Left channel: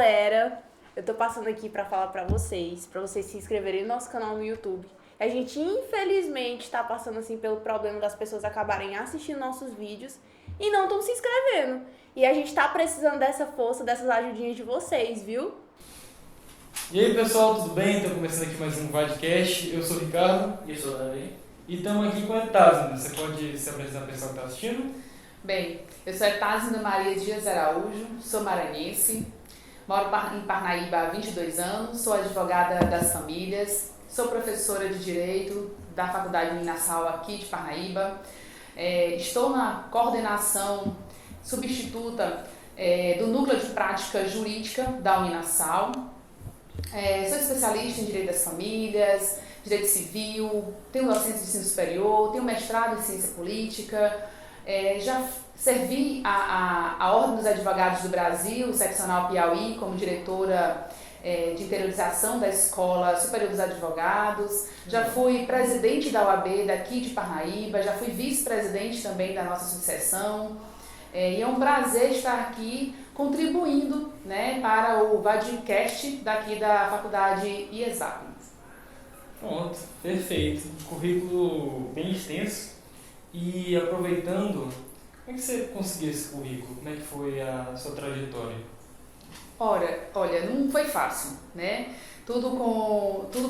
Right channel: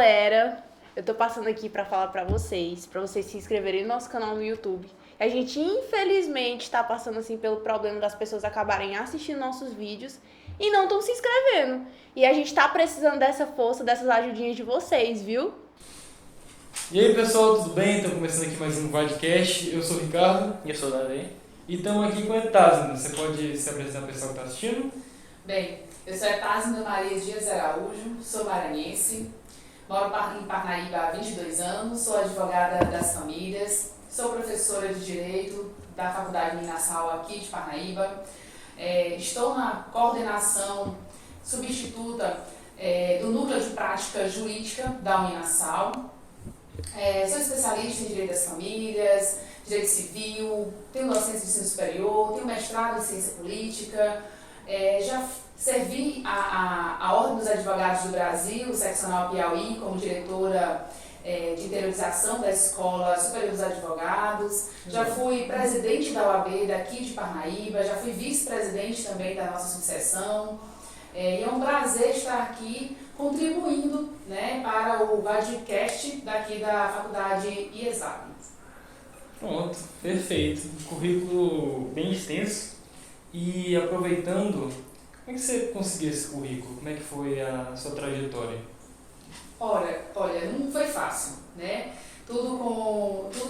Galera, eu tô passando aqui pra falar pra vocês se inscreverem no nosso canal no YouTube. A gente, infelizmente, tá passando assim pelo problema das pessoas acabarem assistindo nossos vídeos e não estão se inscrevendo. E a gente tá precisando dessa força, dessas ajudinhas de vocês, viu? E aí pessoal, tudo bem? Estou começando aqui mais um podcast. Eu sou o Ricardo. E eu sou o Davi. E estamos aqui com a Etasna. Você pode se apresentar para o pessoal que está assistindo? Bem, eu sou Etasna Maria Dias Araújo, sou maranhense, moro em Parnaíba há 22 anos, sou advogada das famílias, sou professora de Direito da Faculdade Uninasal aqui de Parnaíba, estou na coordenação substituta do Núcleo de Prática Jurídica da Uninasal, sou especialista em Direito das Famílias, Direito Civil, tenho docência de ensino superior, tenho mestrado em Ciência Política, já servi a Ordem dos Advogados do Brasil, seccional Piauí, como diretora de interiorização da Escola Superior dos Advogados, já fui presidente da OAB daqui de Parnaíba, já fui vice-presidente também da nossa subseção, e é um prazer estar aqui contribuindo, né, para o podcast daqui da Faculdade IESAP. Pronto, perfeito. Currículo bem extenso. E aproveitando, como é que você conseguiu esse currículo? Como é que foi a sua trajetória? Olha, não foi fácil, né? Tudo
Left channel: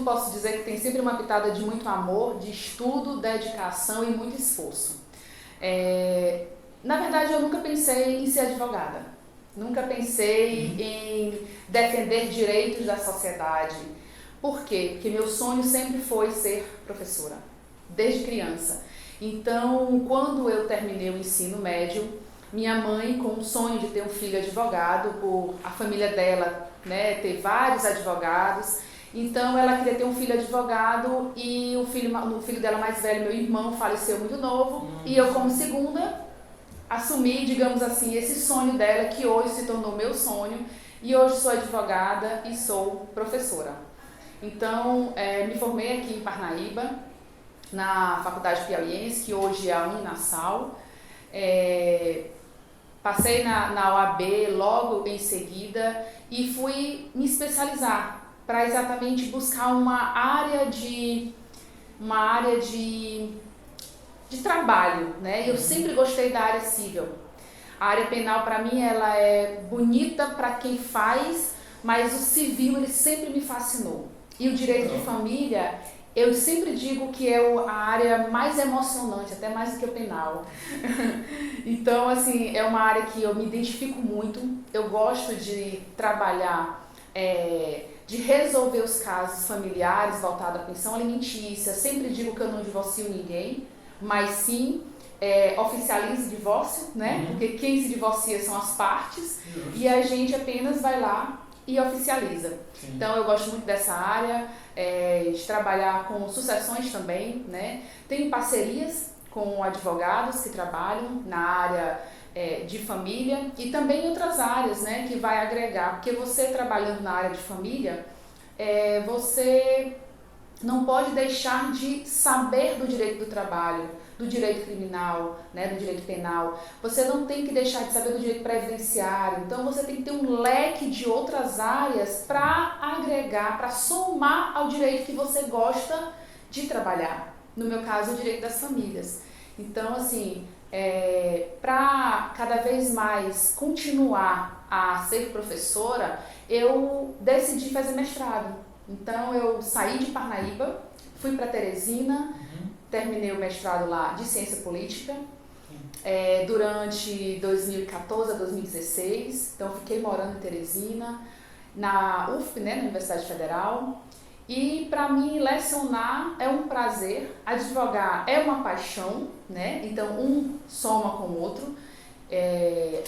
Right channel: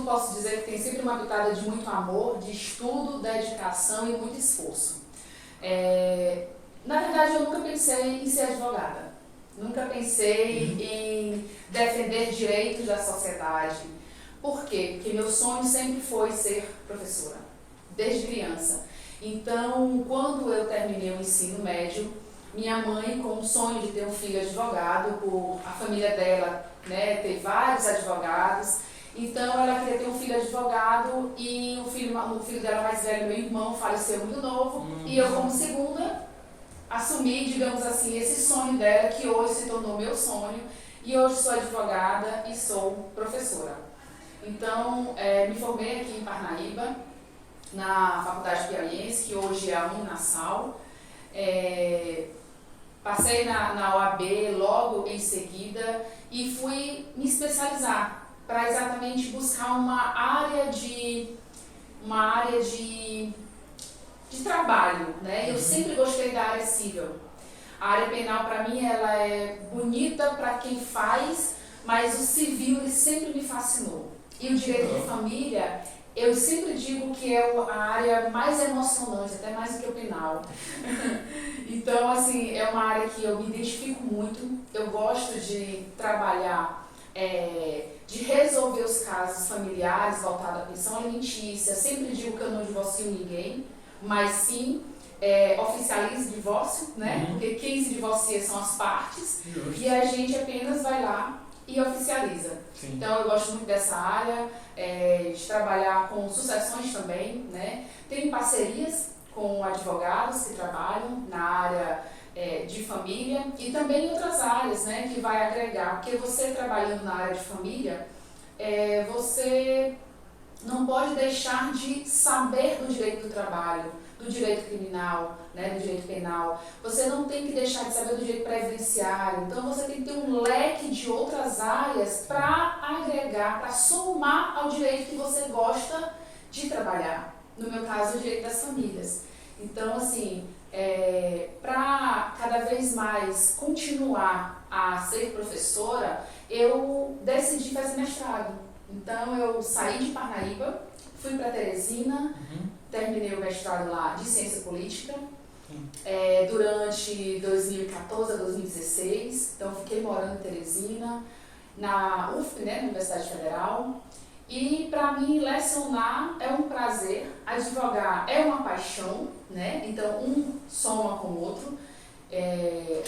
posso dizer que tem sempre uma pitada de muito amor, de estudo, dedicação e muito esforço. Na verdade, eu nunca pensei em ser advogada. Nunca pensei em defender direitos da sociedade. Por quê? Porque meu sonho sempre foi ser professora, desde criança. Então, quando eu terminei o ensino médio, minha mãe, com o sonho de ter um filho advogado, por a família dela, né, ter vários advogados, então ela queria ter um filho advogado e o filho dela mais velho, meu irmão, faleceu muito novo, e eu, como segunda, assumi, digamos assim, esse sonho dela, que hoje se tornou meu sonho, e hoje sou advogada e sou professora. Então, me formei aqui em Parnaíba, na Faculdade Piauiense, que hoje é a Uninasal. Passei na OAB logo em seguida e fui me especializar para exatamente buscar uma área de trabalho, né? Eu sempre gostei da área civil. A área penal, para mim, ela é bonita para quem faz, mas o civil ele sempre me fascinou. E o direito de família, eu sempre digo que é a área mais emocionante, até mais do que o penal. Então, assim, é uma área que eu me identifico muito. Eu gosto de trabalhar, de resolver os casos familiares voltados à pensão alimentícia. Sempre digo que eu não divorcio ninguém, mas sim oficializo o divórcio, né? Porque quem se divorcia são as partes. E a gente apenas vai lá e oficializa. Sim. Então, eu gosto muito dessa área. De trabalhar com sucessões também, né? Tenho parcerias com advogados que trabalham na área de família e também em outras áreas, né, que vai agregar, porque você trabalhando na área de família, você não pode deixar de saber do direito do trabalho, do direito criminal, né, do direito penal. Você não tem que deixar de saber do direito previdenciário. Então, você tem que ter um leque de outras áreas para agregar, para somar ao direito que você gosta de trabalhar. No meu caso, o direito das famílias. Então, assim, para cada vez mais continuar a ser professora, eu decidi fazer mestrado. Então, eu saí de Parnaíba, fui para Teresina, terminei o mestrado lá de Ciência Política durante 2014 a 2016. Então, fiquei morando em Teresina, na UF, né, na Universidade Federal. E, para mim, lecionar é um prazer, advogar é uma paixão, né? Então, um soma com o outro,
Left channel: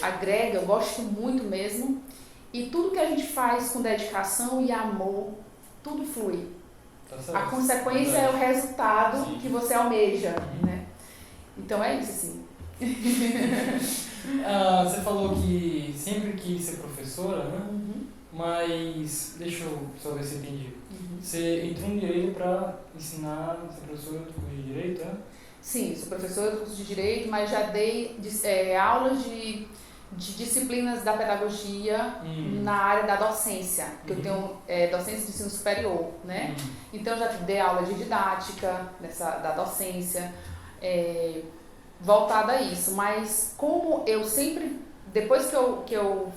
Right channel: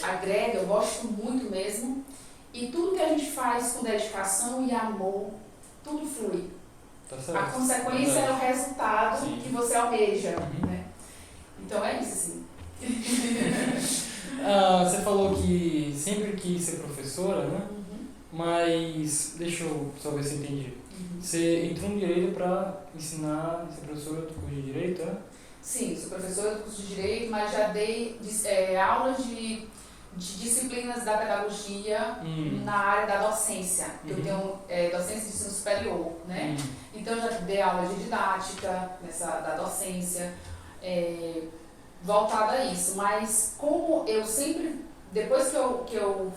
agrega, eu gosto muito mesmo. E tudo que a gente faz com dedicação e amor, tudo flui. A consequência é o resultado que você almeja, né? Então é isso, assim. Você falou que sempre quis ser professora, né? Mas, deixa eu só ver se eu entendi. Você entrou no Direito para ensinar, ser professora do curso de Direito, é? Sim, sou professora do curso de Direito, mas já dei aulas de de disciplinas da pedagogia na área da docência, que eu tenho docência de ensino superior, né? Então eu já dei aula de didática da docência, voltada a isso, mas como eu sempre, depois que eu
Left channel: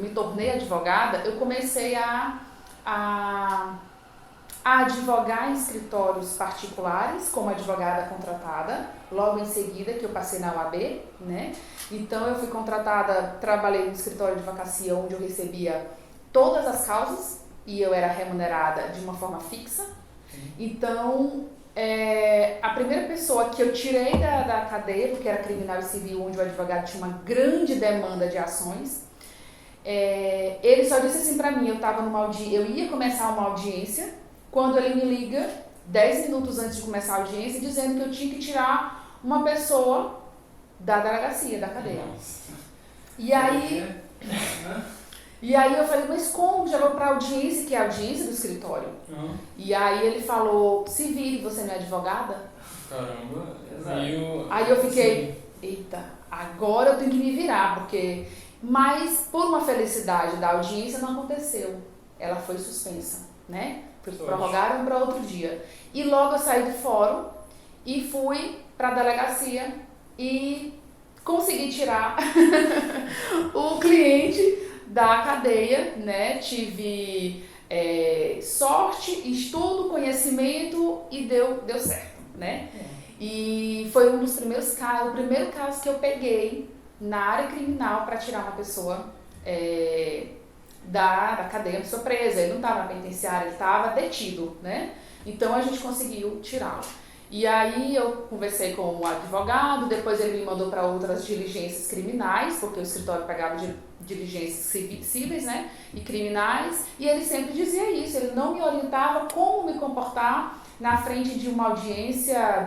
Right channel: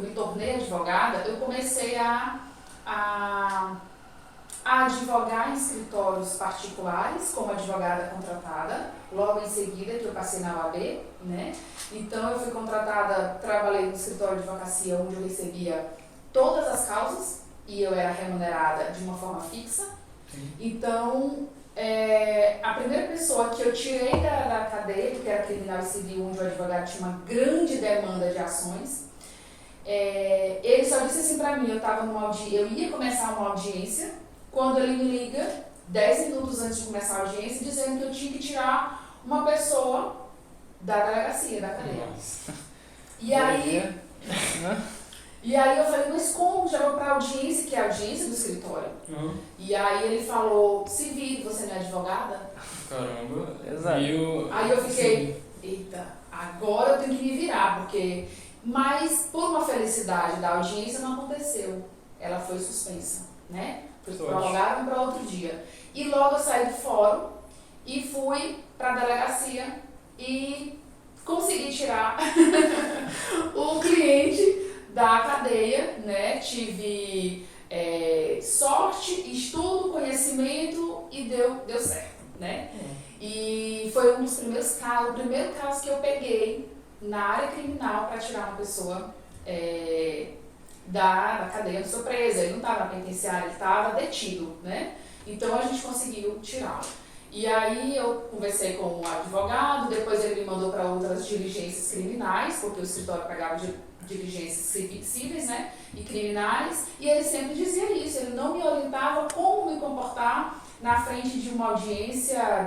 me tornei advogada, eu comecei a advogar em escritórios particulares como advogada contratada, logo em seguida que eu passei na OAB, né? Então eu fui contratada, trabalhei no escritório de advocacia onde eu recebia todas as causas e eu era remunerada de uma forma fixa. Então a primeira pessoa que eu tirei da cadeia, porque era criminal e civil, onde o advogado tinha uma grande demanda de ações, ele só disse assim pra mim, eu ia começar uma audiência, quando ele me liga 10 minutos antes de começar a audiência, dizendo que eu tinha que tirar uma pessoa da delegacia, da cadeia. Nossa. E aí eu falei, mas como? Já vou pra audiência, que é a audiência do escritório. E aí ele falou, se vire, você não é advogada? Caramba, exato. Aí eu fiquei, eita, agora eu tenho que me virar, porque... Mas, por uma felicidade da audiência, não aconteceu. Ela foi suspensa, né? Prorrogaram para outro dia. E logo eu saí do fórum e fui para a delegacia e consegui tirar o cliente da cadeia, né? Tive sorte, estudo, conhecimento e deu certo, né? E foi um dos primeiros casos, o primeiro caso que eu peguei na área criminal para tirar uma pessoa da cadeia de surpresa. Ele não estava na penitenciária, ele estava detido, né? Então a gente conseguiu tirá-lo. E aí eu conversei com o advogado, depois ele me mandou para outras diligências criminais, porque o escritório pegava diligências cíveis, né, e criminais, e ele sempre dizia isso, ele não me orientava como me comportar na frente de uma audiência,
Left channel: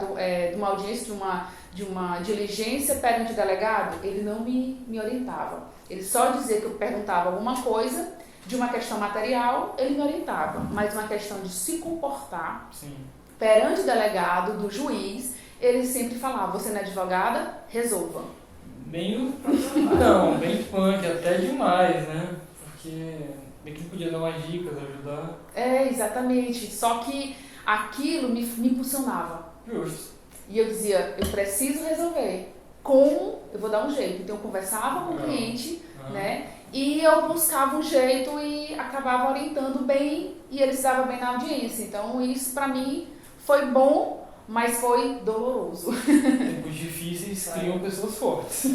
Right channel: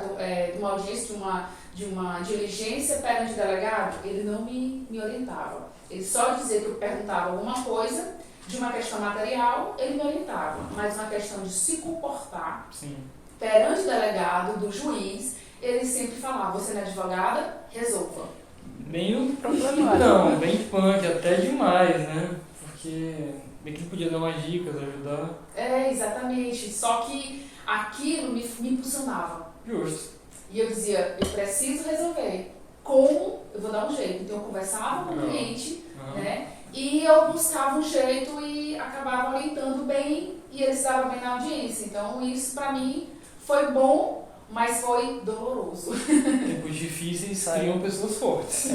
de uma diligência perante o delegado. Ele não me orientava. Ele só dizia que eu perguntava alguma coisa de uma questão material, ele me orientava, mas uma questão de se comportar. Sim. Perante o delegado, do juiz, ele sempre falava, você não é advogada? Resolva. Bem então, bem punk, até demais, né? Porque bem que ele podia dar umas dicas, ajudar. Exatamente. Só que aquilo me impulsionava. Justo. E eu dizia, eu preciso resolver. Como? Eu vou dar um jeito. Então eu conversava com o cliente, né? E eu buscava um jeito e acabava orientando bem e ele se dava bem na audiência. Então isso pra mim foi bom, mas foi doloroso. Tempos difíceis criam pessoas fortes.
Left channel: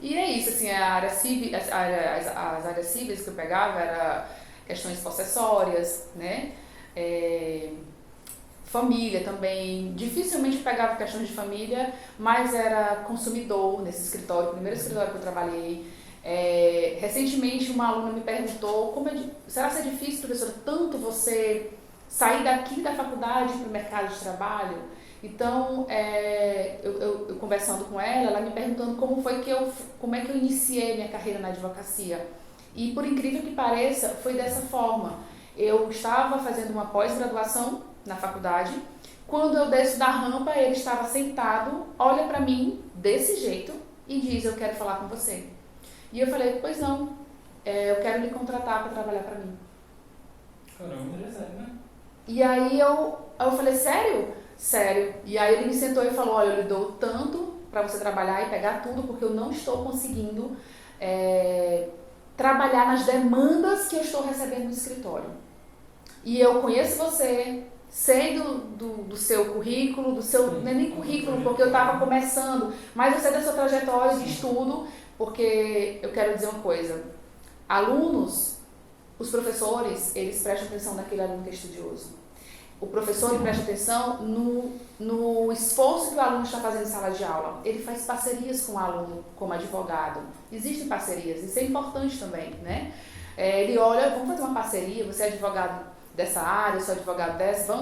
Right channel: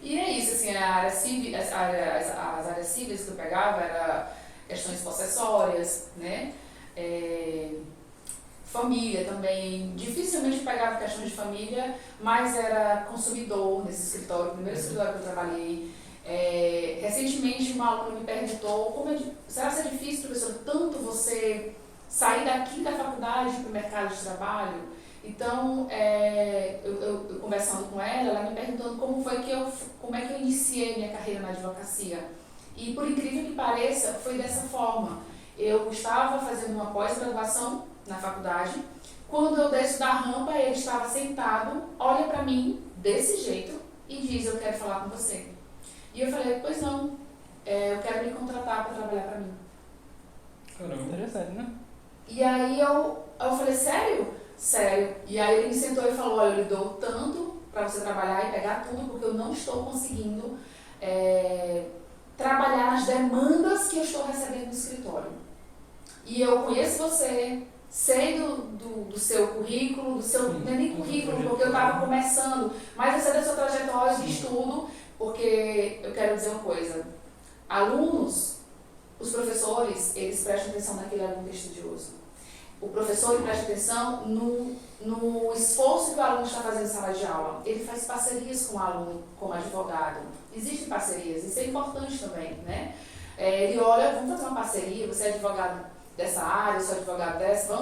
E é isso, assim, a área civil, as áreas cíveis que eu pegava era questões possessórias, né? Família também. Dificilmente eu pegava questões de família, mas era consumidor nesse escritório, o primeiro escritório que eu trabalhei. Recentemente uma aluna me perguntou, será que é difícil, professora, tanto você sair daqui da faculdade para o mercado de trabalho? Então, eu conversando com ela me perguntando como é que eu iniciei minha carreira na advocacia. E por incrível que pareça, foi dessa forma. Eu estava fazendo uma pós-graduação na faculdade. Quando eu desço da rampa, ele estava sentado, olha para mim desse jeito e diz, eu quero falar com você. E eu falei, pois não, eu quero lhe contratar para trabalhar para mim. Caramba, interessante, né? E aí eu falei, sério? Sério. E aí ele me sentou e falou, olha, eu lhe dou tanto para você trabalhar e pegar tudo, porque eu não estou conseguindo trabalhar nas demandas que eu estou recebendo no escritório. E eu conheço você, sei do seu currículo, não é nem currículo, porque eu estava começando, mas eu sei da sua trajetória de estudo, porque eu quero dizer uma coisa, alunos, os professores, eles prestam atenção naquele aluno que é estudioso. O professor presta atenção no esforço que o aluno está fazendo em sala de aula. Ele faz parcerias com o aluno, como advogado. Existem parcerias, isso é importante também, né? Ele olha, vamos fazer uma parceria, você é advogado dessa área, eu sou advogado dessa,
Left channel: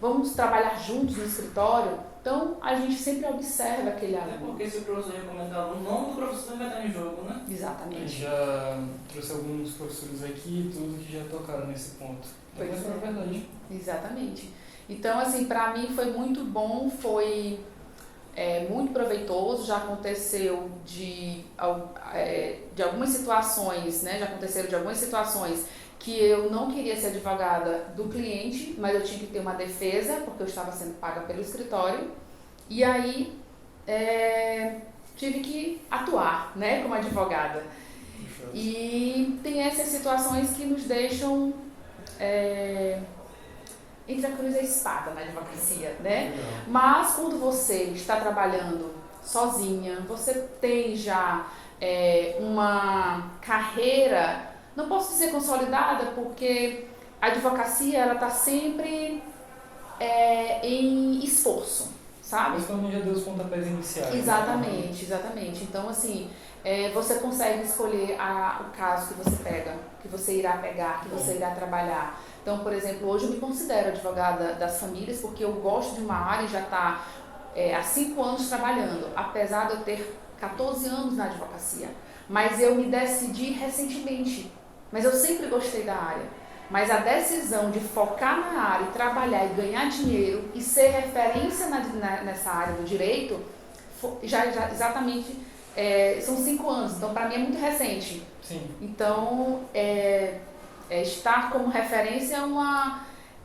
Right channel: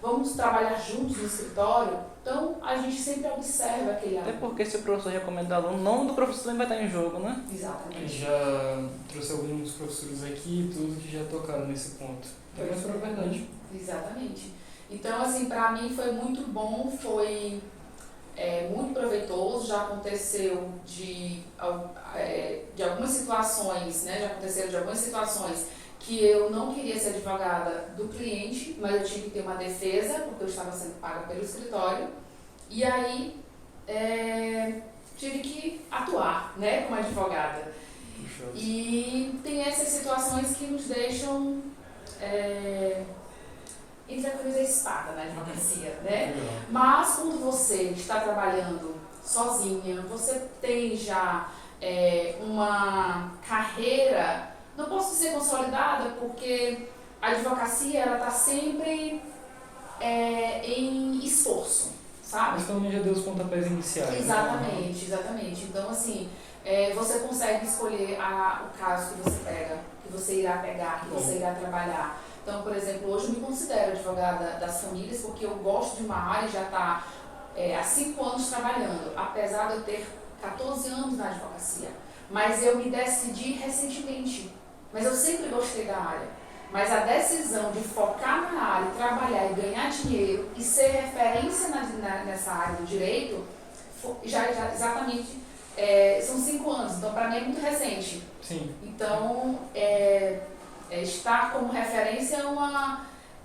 vamos trabalhar juntos no escritório. Então, a gente sempre observa aquele aluno. Até porque se o professor recomenda aluno, o nome do professor vai estar em jogo, né? Exatamente. Já trouxe alguns professores aqui, tudo que já tocaram nesse ponto. Mas é verdade. Exatamente. Então, assim, pra mim foi muito bom, foi muito proveitoso. Já aconteceu de algumas situações, né? Já aconteceram de algumas situações que eu não queria ser advogada do cliente, mas eu tive que ter uma defesa, porque eu estava sendo paga pelo escritório. E aí, tive que atuar, né, como advogada. E tem essas situações que nos deixam entre a cruz e a espada na advocacia, né? Mas quando você está trabalhando sozinha, você tem já uma carreira, não posso dizer consolidada, porque a advocacia ela está sempre em esforço, sabe? Mas também já deu os pontapés iniciais. Exatamente, exatamente. Então, assim, você consegue escolher o caso que você pega, que você irá pegar, que você irá trabalhar. Então, por exemplo, hoje eu me considero advogada das famílias porque eu gosto de uma área e já está há 5 anos trabalhando, apesar de eu ter 14 anos na advocacia. Mas eu me decidi recentemente, mas eu sempre gostei da área. Mas a decisão de focar na área, trabalhar e ganhar dinheiro e ser referência nessa área do direito, já exatamente são 5 anos. Então, para mim é muito recente. Sim. Então, estar como referência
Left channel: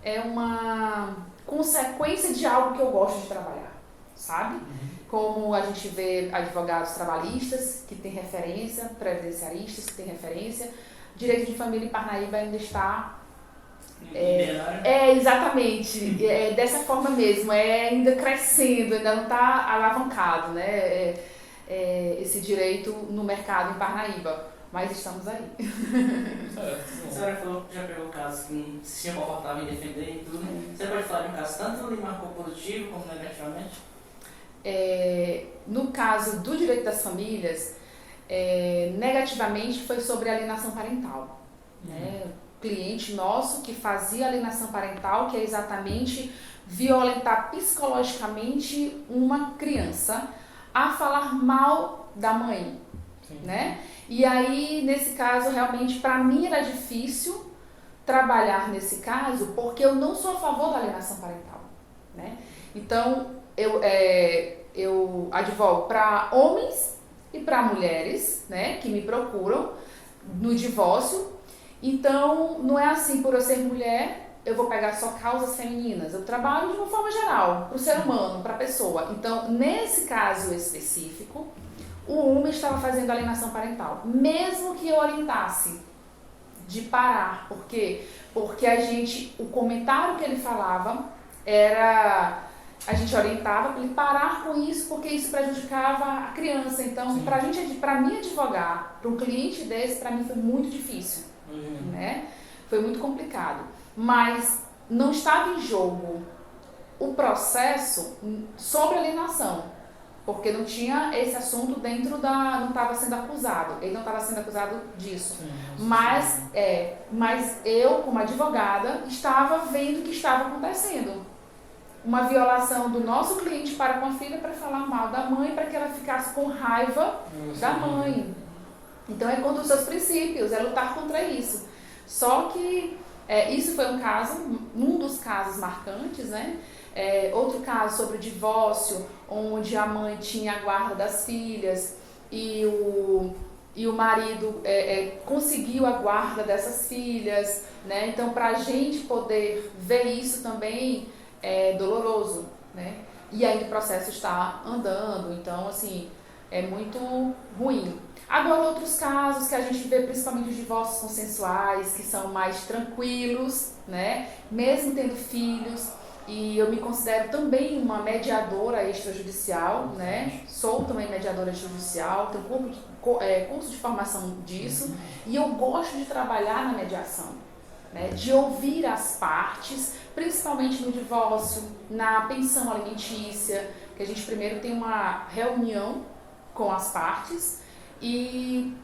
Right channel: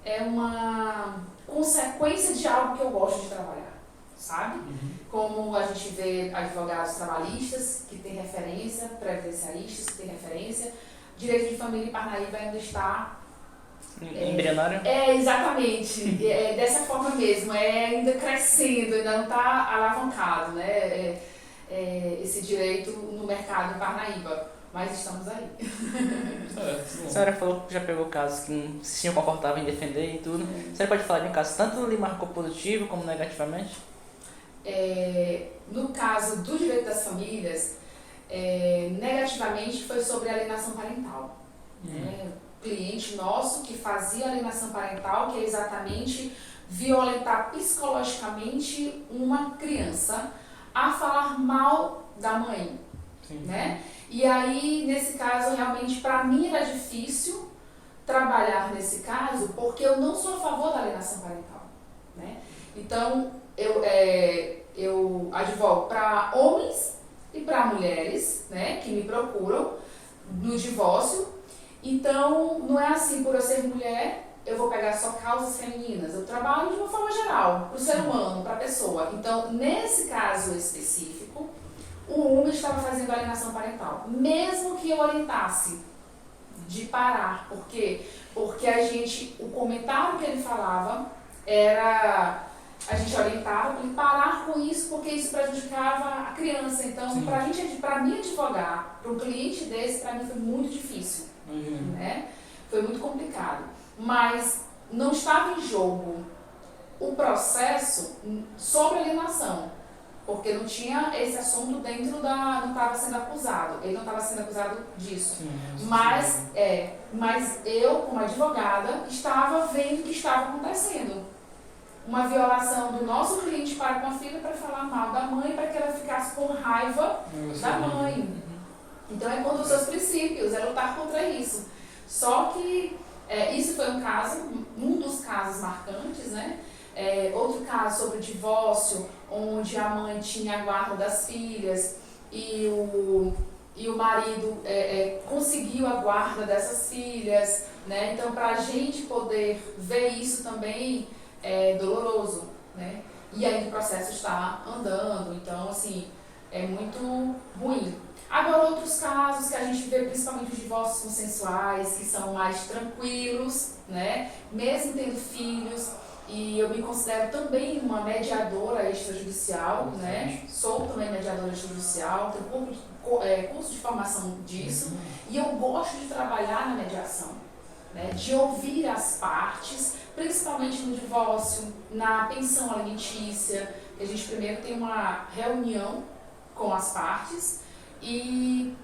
é uma consequência de algo que eu gosto de trabalhar, sabe? Uhum. Como a gente vê advogados trabalhistas que têm referência, previdenciaristas que têm referência, direito de família em Parnaíba ainda está embrionário? Exatamente. Dessa forma mesmo, ainda crescendo, ainda não está alavancado, né? Esse direito no mercado em Parnaíba. Mas estamos aí. A senhora falou que já pegou casos que não se sentiu confortável em defender e tudo. A senhora pode falar de um caso tanto lhe marcou positivo como negativamente? No caso do direito das famílias, negativamente foi sobre alienação parental. Né? Cliente nosso que fazia alienação parental, que é exatamente violentar psicologicamente uma criança a falar mal da mãe. Sim. Né? E aí, nesse caso, realmente, para mim era difícil trabalhar nesse caso, porque eu não sou a favor da alienação parental. Né? Então, eu advogo para homens e para mulheres, né, que me procuram no divórcio. Então, não é assim, por eu ser mulher, eu vou pegar só causas femininas. Eu trabalho de uma forma geral, para o ser humano, para a pessoa. Então, nesse caso específico, o homem estava fazendo alienação parental. Mesmo que eu orientasse de parar. Por quê? Porque o comentário que ele falava era... A gente orientava para ele parar com isso, porque isso prejudicava a criança. Então, para mim advogar, para um cliente desse, para mim foi muito difícil. Né? Foi muito complicado. Mas não estava em jogo o processo sobre alienação, porque não tinha esse assunto dentro não estava sendo acusado. Ele não estava sendo acusado disso. Mas eu, como advogada, estava vendo o que estava acontecendo. Uma violação do nosso cliente para com a filha para falar mal da mãe, para que ela ficasse com raiva da mãe. Então é contra os seus princípios, é lutar contra isso. Só que isso foi um dos casos marcantes, né? Outro caso sobre divórcio, onde a mãe tinha a guarda das filhas e o marido conseguiu a guarda dessas filhas, né? Então, para a gente poder ver isso também é doloroso, né? E aí o processo está andando, então, assim, é muito ruim. Agora, outros casos que a gente vê, principalmente os divórcios consensuais, que são mais tranquilos, né? Mesmo tendo filhos. E eu me considero também uma mediadora extrajudicial, né? Sou também mediadora extrajudicial, tenho curso de formação disso. E eu gosto de trabalhar na mediação, né? De ouvir as partes, principalmente no divórcio, na pensão alimentícia, que a gente primeiro tem uma reunião com as partes e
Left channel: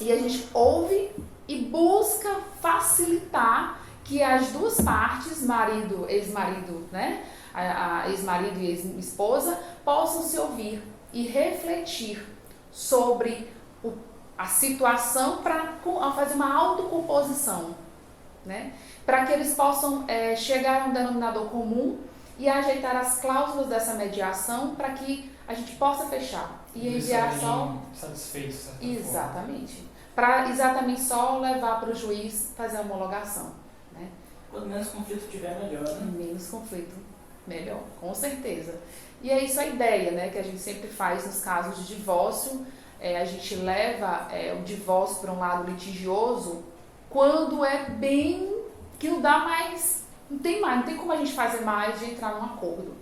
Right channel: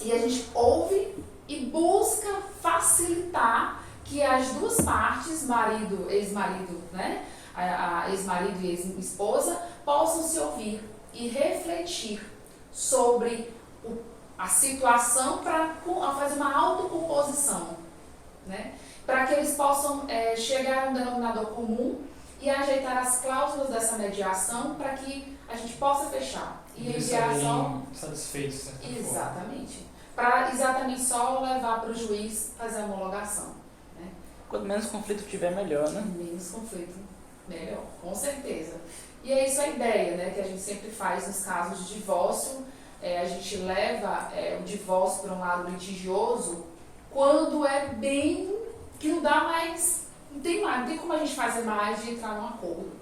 a gente ouve e busca facilitar que as duas partes, marido, ex-marido, né, a ex-marido e ex-esposa, possam se ouvir e refletir sobre a situação para fazer uma autocomposição, né, para que eles possam chegar a um denominador comum e ajeitar as cláusulas dessa mediação para que a gente possa fechar. E enviar só... satisfeitos, de certa Exatamente. Para exatamente só levar para o juiz fazer a homologação. Né? Quanto menos conflito tiver, melhor, né? Menos conflito, melhor, com certeza. E é isso a ideia, né, que a gente sempre faz nos casos de divórcio. A gente leva o divórcio para um lado litigioso quando é bem que não dá mais, não tem como a gente fazer mais de entrar num acordo.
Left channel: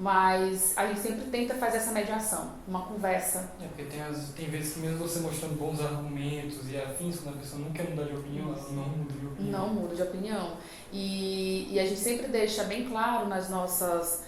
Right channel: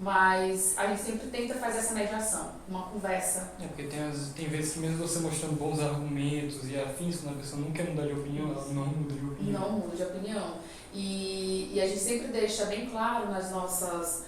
Mas a gente sempre tenta fazer essa mediação, uma conversa. Porque tem vezes que mesmo você mostrando bons argumentos e afins, quando a pessoa não quer mudar de opinião, ela não muda de opinião. Não muda de opinião. E a gente sempre deixa bem claro nas nossas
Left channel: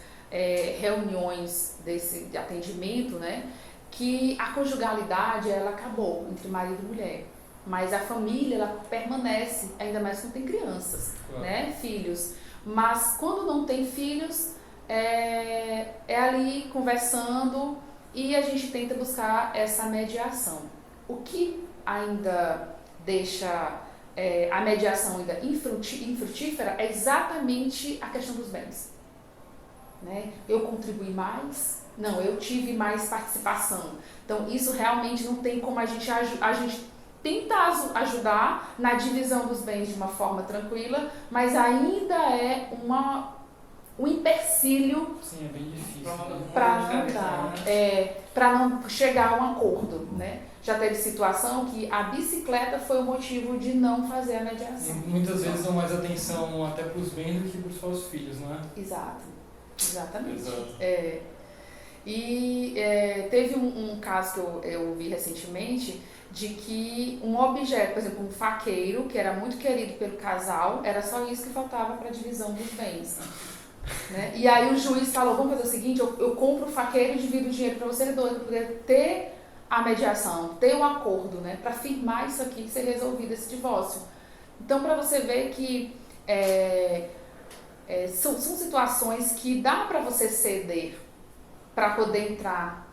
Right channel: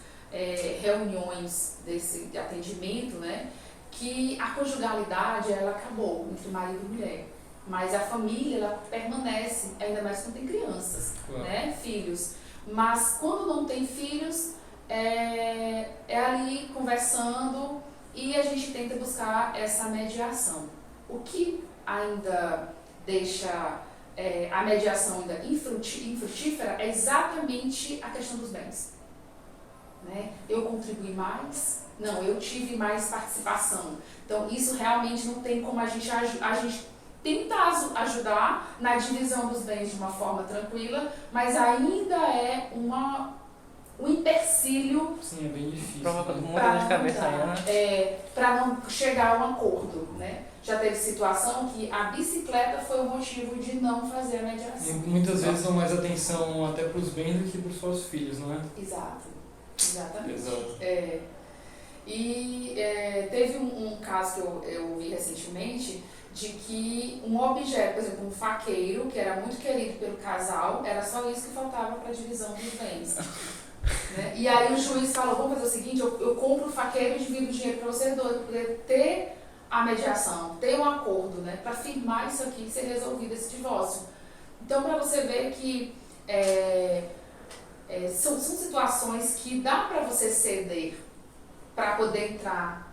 reuniões de atendimento, né, que a conjugalidade ela acabou entre marido e mulher. Mas a família ela permanece, ainda mais quando tem crianças, claro, né, filhos. Mas quando não tem filhos, é ali conversando e a gente tenta buscar essa mediação. O que ainda deixa a mediação ainda infrutífera é exatamente a questão dos bens. Né? Eu contribuí mais? Não, eu tive mais participação. Então, isso realmente não tem como a gente tentar ajudar na divisão dos bens de uma forma tranquila, mas ainda é um empecilho. Sim, é bem difícil. Para não chegar a um acordo, né? Já teve situação que a bicicleta foi o motivo de não fazer a mediação. E muitas vezes dão mais atenção até para os bens do que para os próprios filhos, não é? Exatamente. Exato. E teve um caso que eu vi recentemente de que um objeto, por exemplo, um faqueiro, que era muito querido pelo casal, era só isso que faltava para a divisão dos bens. Né? E aí o juiz falou, vamos fazer o seguinte, eu compro o faqueiro e divido o dinheiro para vocês dois, para poder ter a mediação, ter um acordo, né, para firmar isso aqui e ser resolvido esse divórcio. Então, para você ver que são situações que dá para você ceder para poder entrar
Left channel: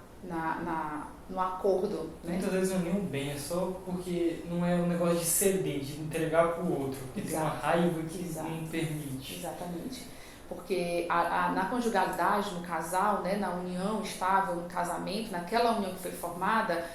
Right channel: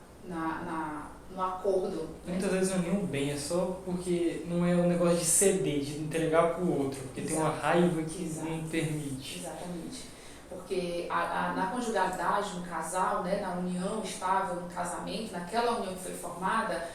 no acordo. Né? Muitas vezes não é nem um bem, é só porque não é um negócio de ceder, de entregar para o outro, porque tem uma raiva que não permite. Exatamente. Porque na conjugalidade, no casal, né, na união estável, no casamento, naquela união que foi formada,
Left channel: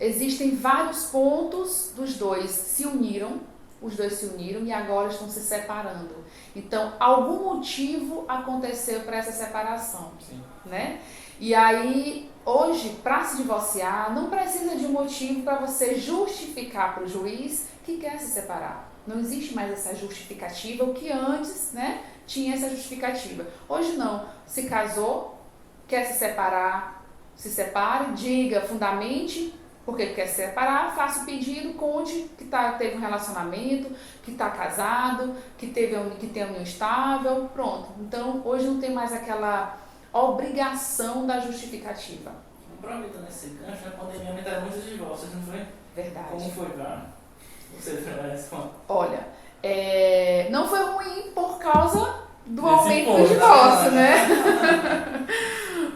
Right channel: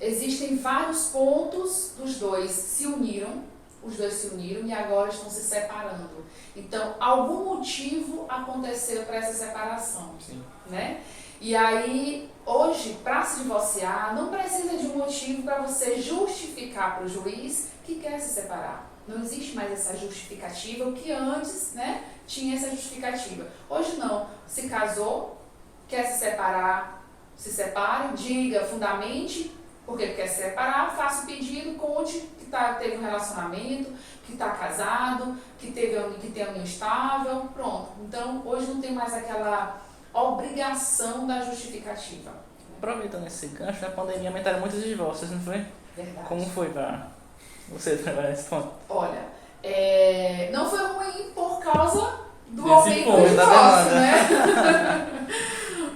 existem vários pontos dos dois se uniram, os dois se uniram e agora estão se separando. Então, algum motivo aconteceu para essa separação. Sim. Né? E aí, hoje, para se divorciar, não precisa de um motivo para você justificar para o juiz que quer se separar. Não existe mais essa justificativa, o que antes, né, tinha essa justificativa. Hoje não. Se casou, quer se separar, se separe, diga, fundamente porque quer se separar, faça o pedido, conte que teve um relacionamento, que está casado, que tem união estável, pronto. Então, hoje não tem mais aquela obrigação da justificativa. Aproveitando esse gancho, na pandemia aumentaram muitos divórcios, não foi? Verdade. Como foi para você trabalhar esse ponto? Olha, não foi ruim por causa do aumento do divórcio, né?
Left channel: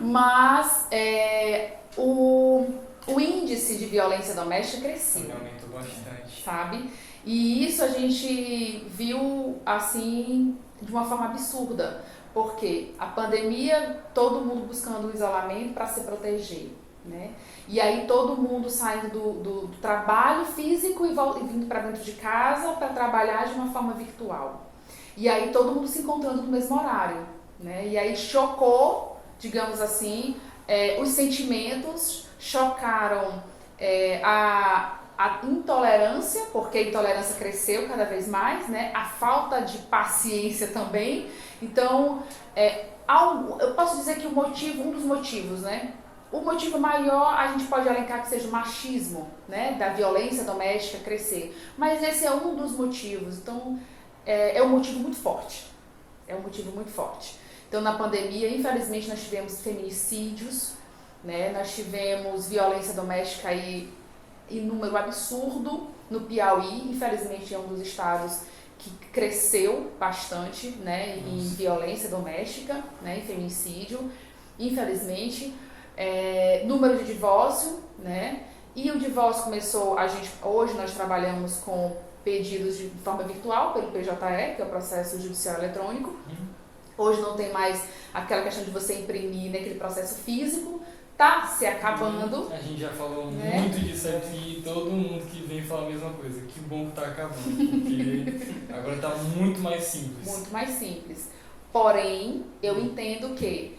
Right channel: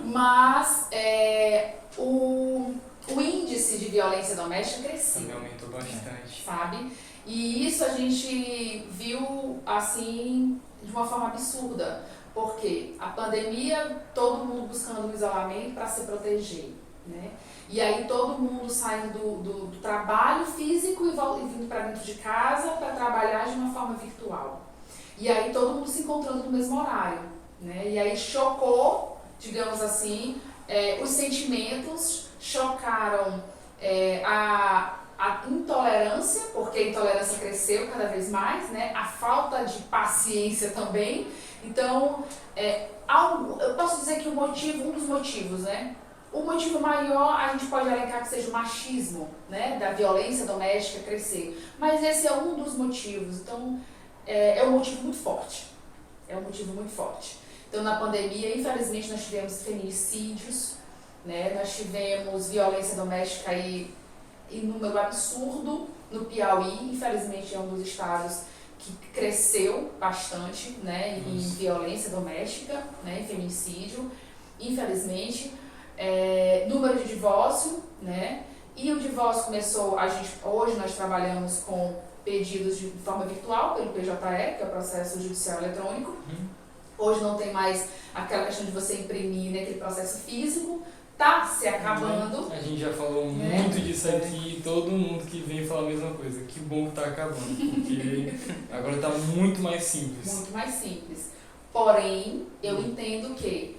Mas o índice de violência doméstica cresceu. Também aumentou bastante. Sabe? E isso a gente viu, assim, de uma forma absurda. Porque a pandemia, todo mundo buscando um isolamento para se proteger, né? E aí todo mundo saindo do trabalho físico e vindo para dentro de casa para trabalhar de uma forma virtual. E aí todo mundo se encontrando no mesmo horário, né? E aí chocou, digamos assim, os sentimentos, chocaram a intolerância, porque a intolerância cresceu cada vez mais, né? A falta de paciência também. Então, eu posso dizer que um dos motivos, né? O motivo maior a gente pode elencar que seja o machismo, né? Da violência doméstica crescer. Mas esse é um dos motivos. Então, é um motivo muito forte. É um motivo muito forte. Então, na pandemia, infelizmente, nós tivemos feminicídios, né? Nós tivemos violência doméstica aí em número absurdo no Piauí. Infelizmente, é um dos estados que cresceu bastante, né, em violência doméstica, né, em feminicídio, infelizmente. Número de divórcio, né, e o divórcio começou, hoje nós trabalhamos com pedidos de forma virtual, pelo PJE, que é o processo judicial eletrônico. Hoje não tem mais aquela questão de você imprimir naquele processo físico, tá se acabando. A gente já falou muito disso aqui, todo mundo que vem fala a mesma coisa. Que bom que tá acabando, porque agora tá muito mais simples. Muito mais simples. Porém, eu entendo que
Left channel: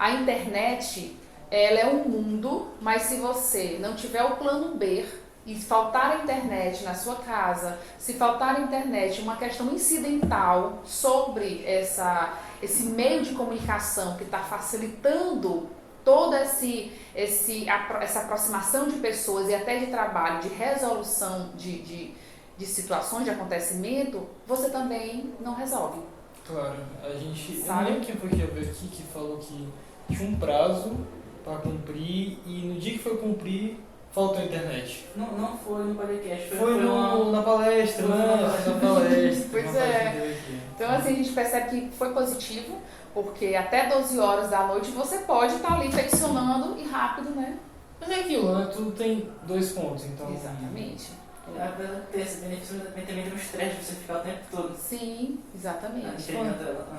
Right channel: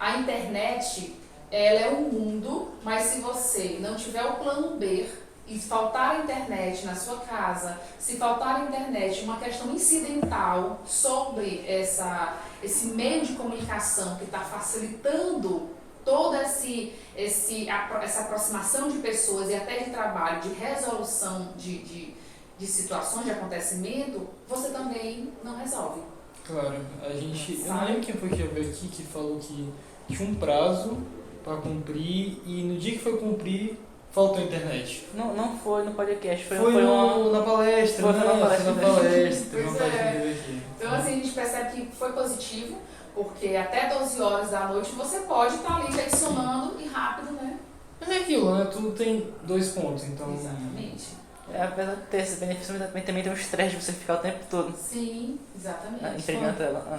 a internet, ela é um mundo, mas se você não tiver o plano B e faltar a internet na sua casa, se faltar a internet, uma questão incidental sobre esse meio de comunicação que está facilitando toda essa aproximação de pessoas e até de trabalho, de resolução de situações, de acontecimento, você também não resolve. Claro, eu não lembro quem foi que veio aqui que falou que tinha um prazo para cumprir e no dia que foi cumprir faltou a internet. Não foi no podcast, foi na palestra, foi na palestra. Pois é. Então assim, a gente percebe que foi positivo, porque até 12 horas da noite você pode estar ali tensionando e rápido, né? Mas é aquilo, né? Tudo tem 2 pontos, então... Exatamente. Apesar de ter esse benefício, também tem um estresse de você ficar o tempo todo. Sim, exatamente.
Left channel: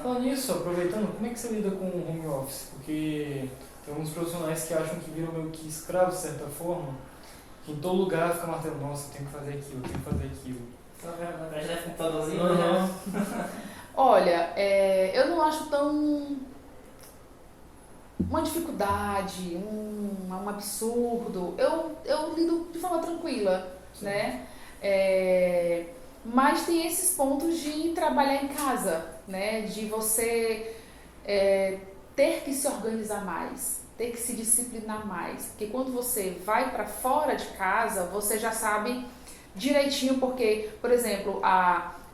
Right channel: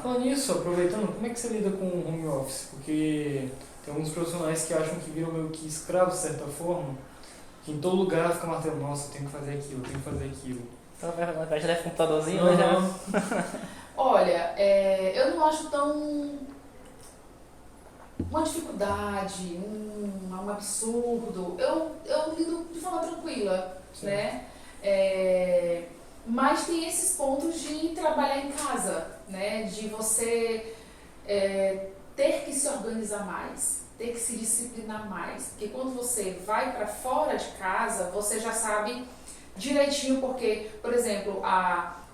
Falando nisso, aproveitando, como é que você lida com o home office? Porque tem alguns profissionais que acham que viram meio que escravos, de certa forma, que em todo lugar fica martelando, nossa, eu tenho que fazer aquilo, eu tenho que fazer aquilo. Então, já deve computadorzinho, né? Já... Olha, eu não acho tão... uma dificuldade, um absurdo. Eu lido de forma tranquila. Sim. Né? Mas tem esses pontos de trabalhar em casa, né? De você ter que se organizar mais, ter que se disciplinar mais, porque quando você vai para fora de casa, você já sabe direitinho, porque, por exemplo,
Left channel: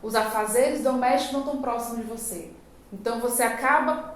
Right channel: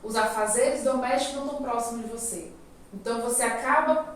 os afazeres domésticos não estão próximos de você, então você acaba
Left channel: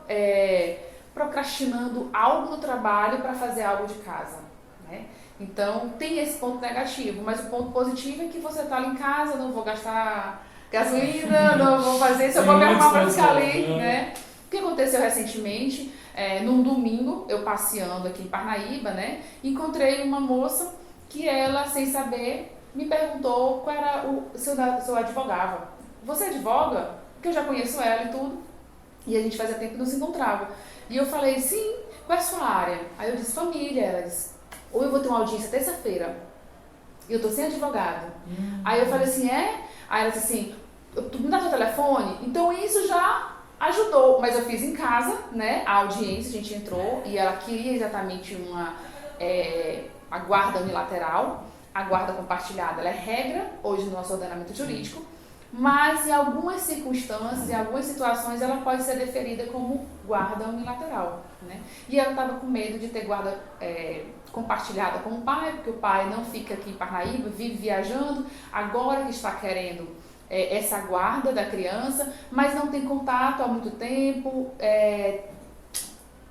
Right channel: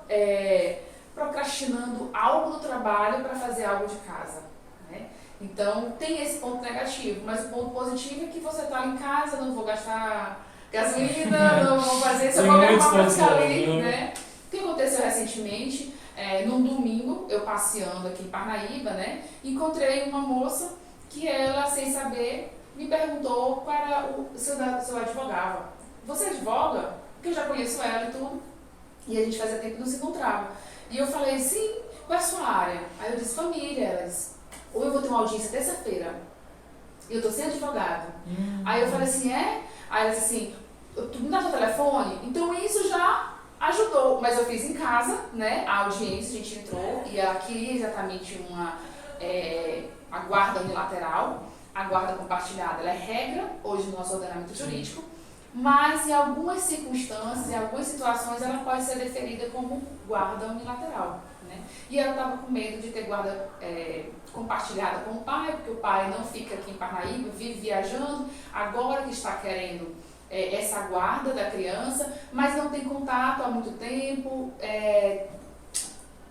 procrastinando algo no trabalho para fazer algo de casa, né? Então, tem esse ponto negativo, mas o ponto positivo é que você está ali em casa, não vou gastar gasolina, não vou fazer isso, eu vou me arrumar para ficar ali, né? O que aconteceu recentemente, num domingo, eu passeando aqui em Parnaíba, né? Encontrei uma moça que ela, sem saber, me perguntou qual era se eu advogava. Você advoga? Porque eu já conheço ela e tudo, e a gente fazia tempo que não se encontrava. E eu falei, sim, qual é a sua área? Aí eu disse, família. Ela disse, ou eu vou ter uma audiência terça-feira e eu tô sem advogado. Aí eu falei assim, Aí ela disse assim, tu me dá teu telefone? Então isso já ajudou, mas eu fiz em casa, né, a audiência, a gente entrou e ela queria exatamente a guarda unilateral, a guarda compartilhada, ela é regra hoje no nosso ordenamento jurídico, mas em algumas circunstâncias, em algumas situações, ela pode ser deferida como guarda unilateral, né? E ela estava com medo de ter guarda compartilhada com o pai, porque o pai não fica aqui em Parnaíba, vive viajando, agora que está querendo essa guarda da criança, mas não tem contato há muito tempo,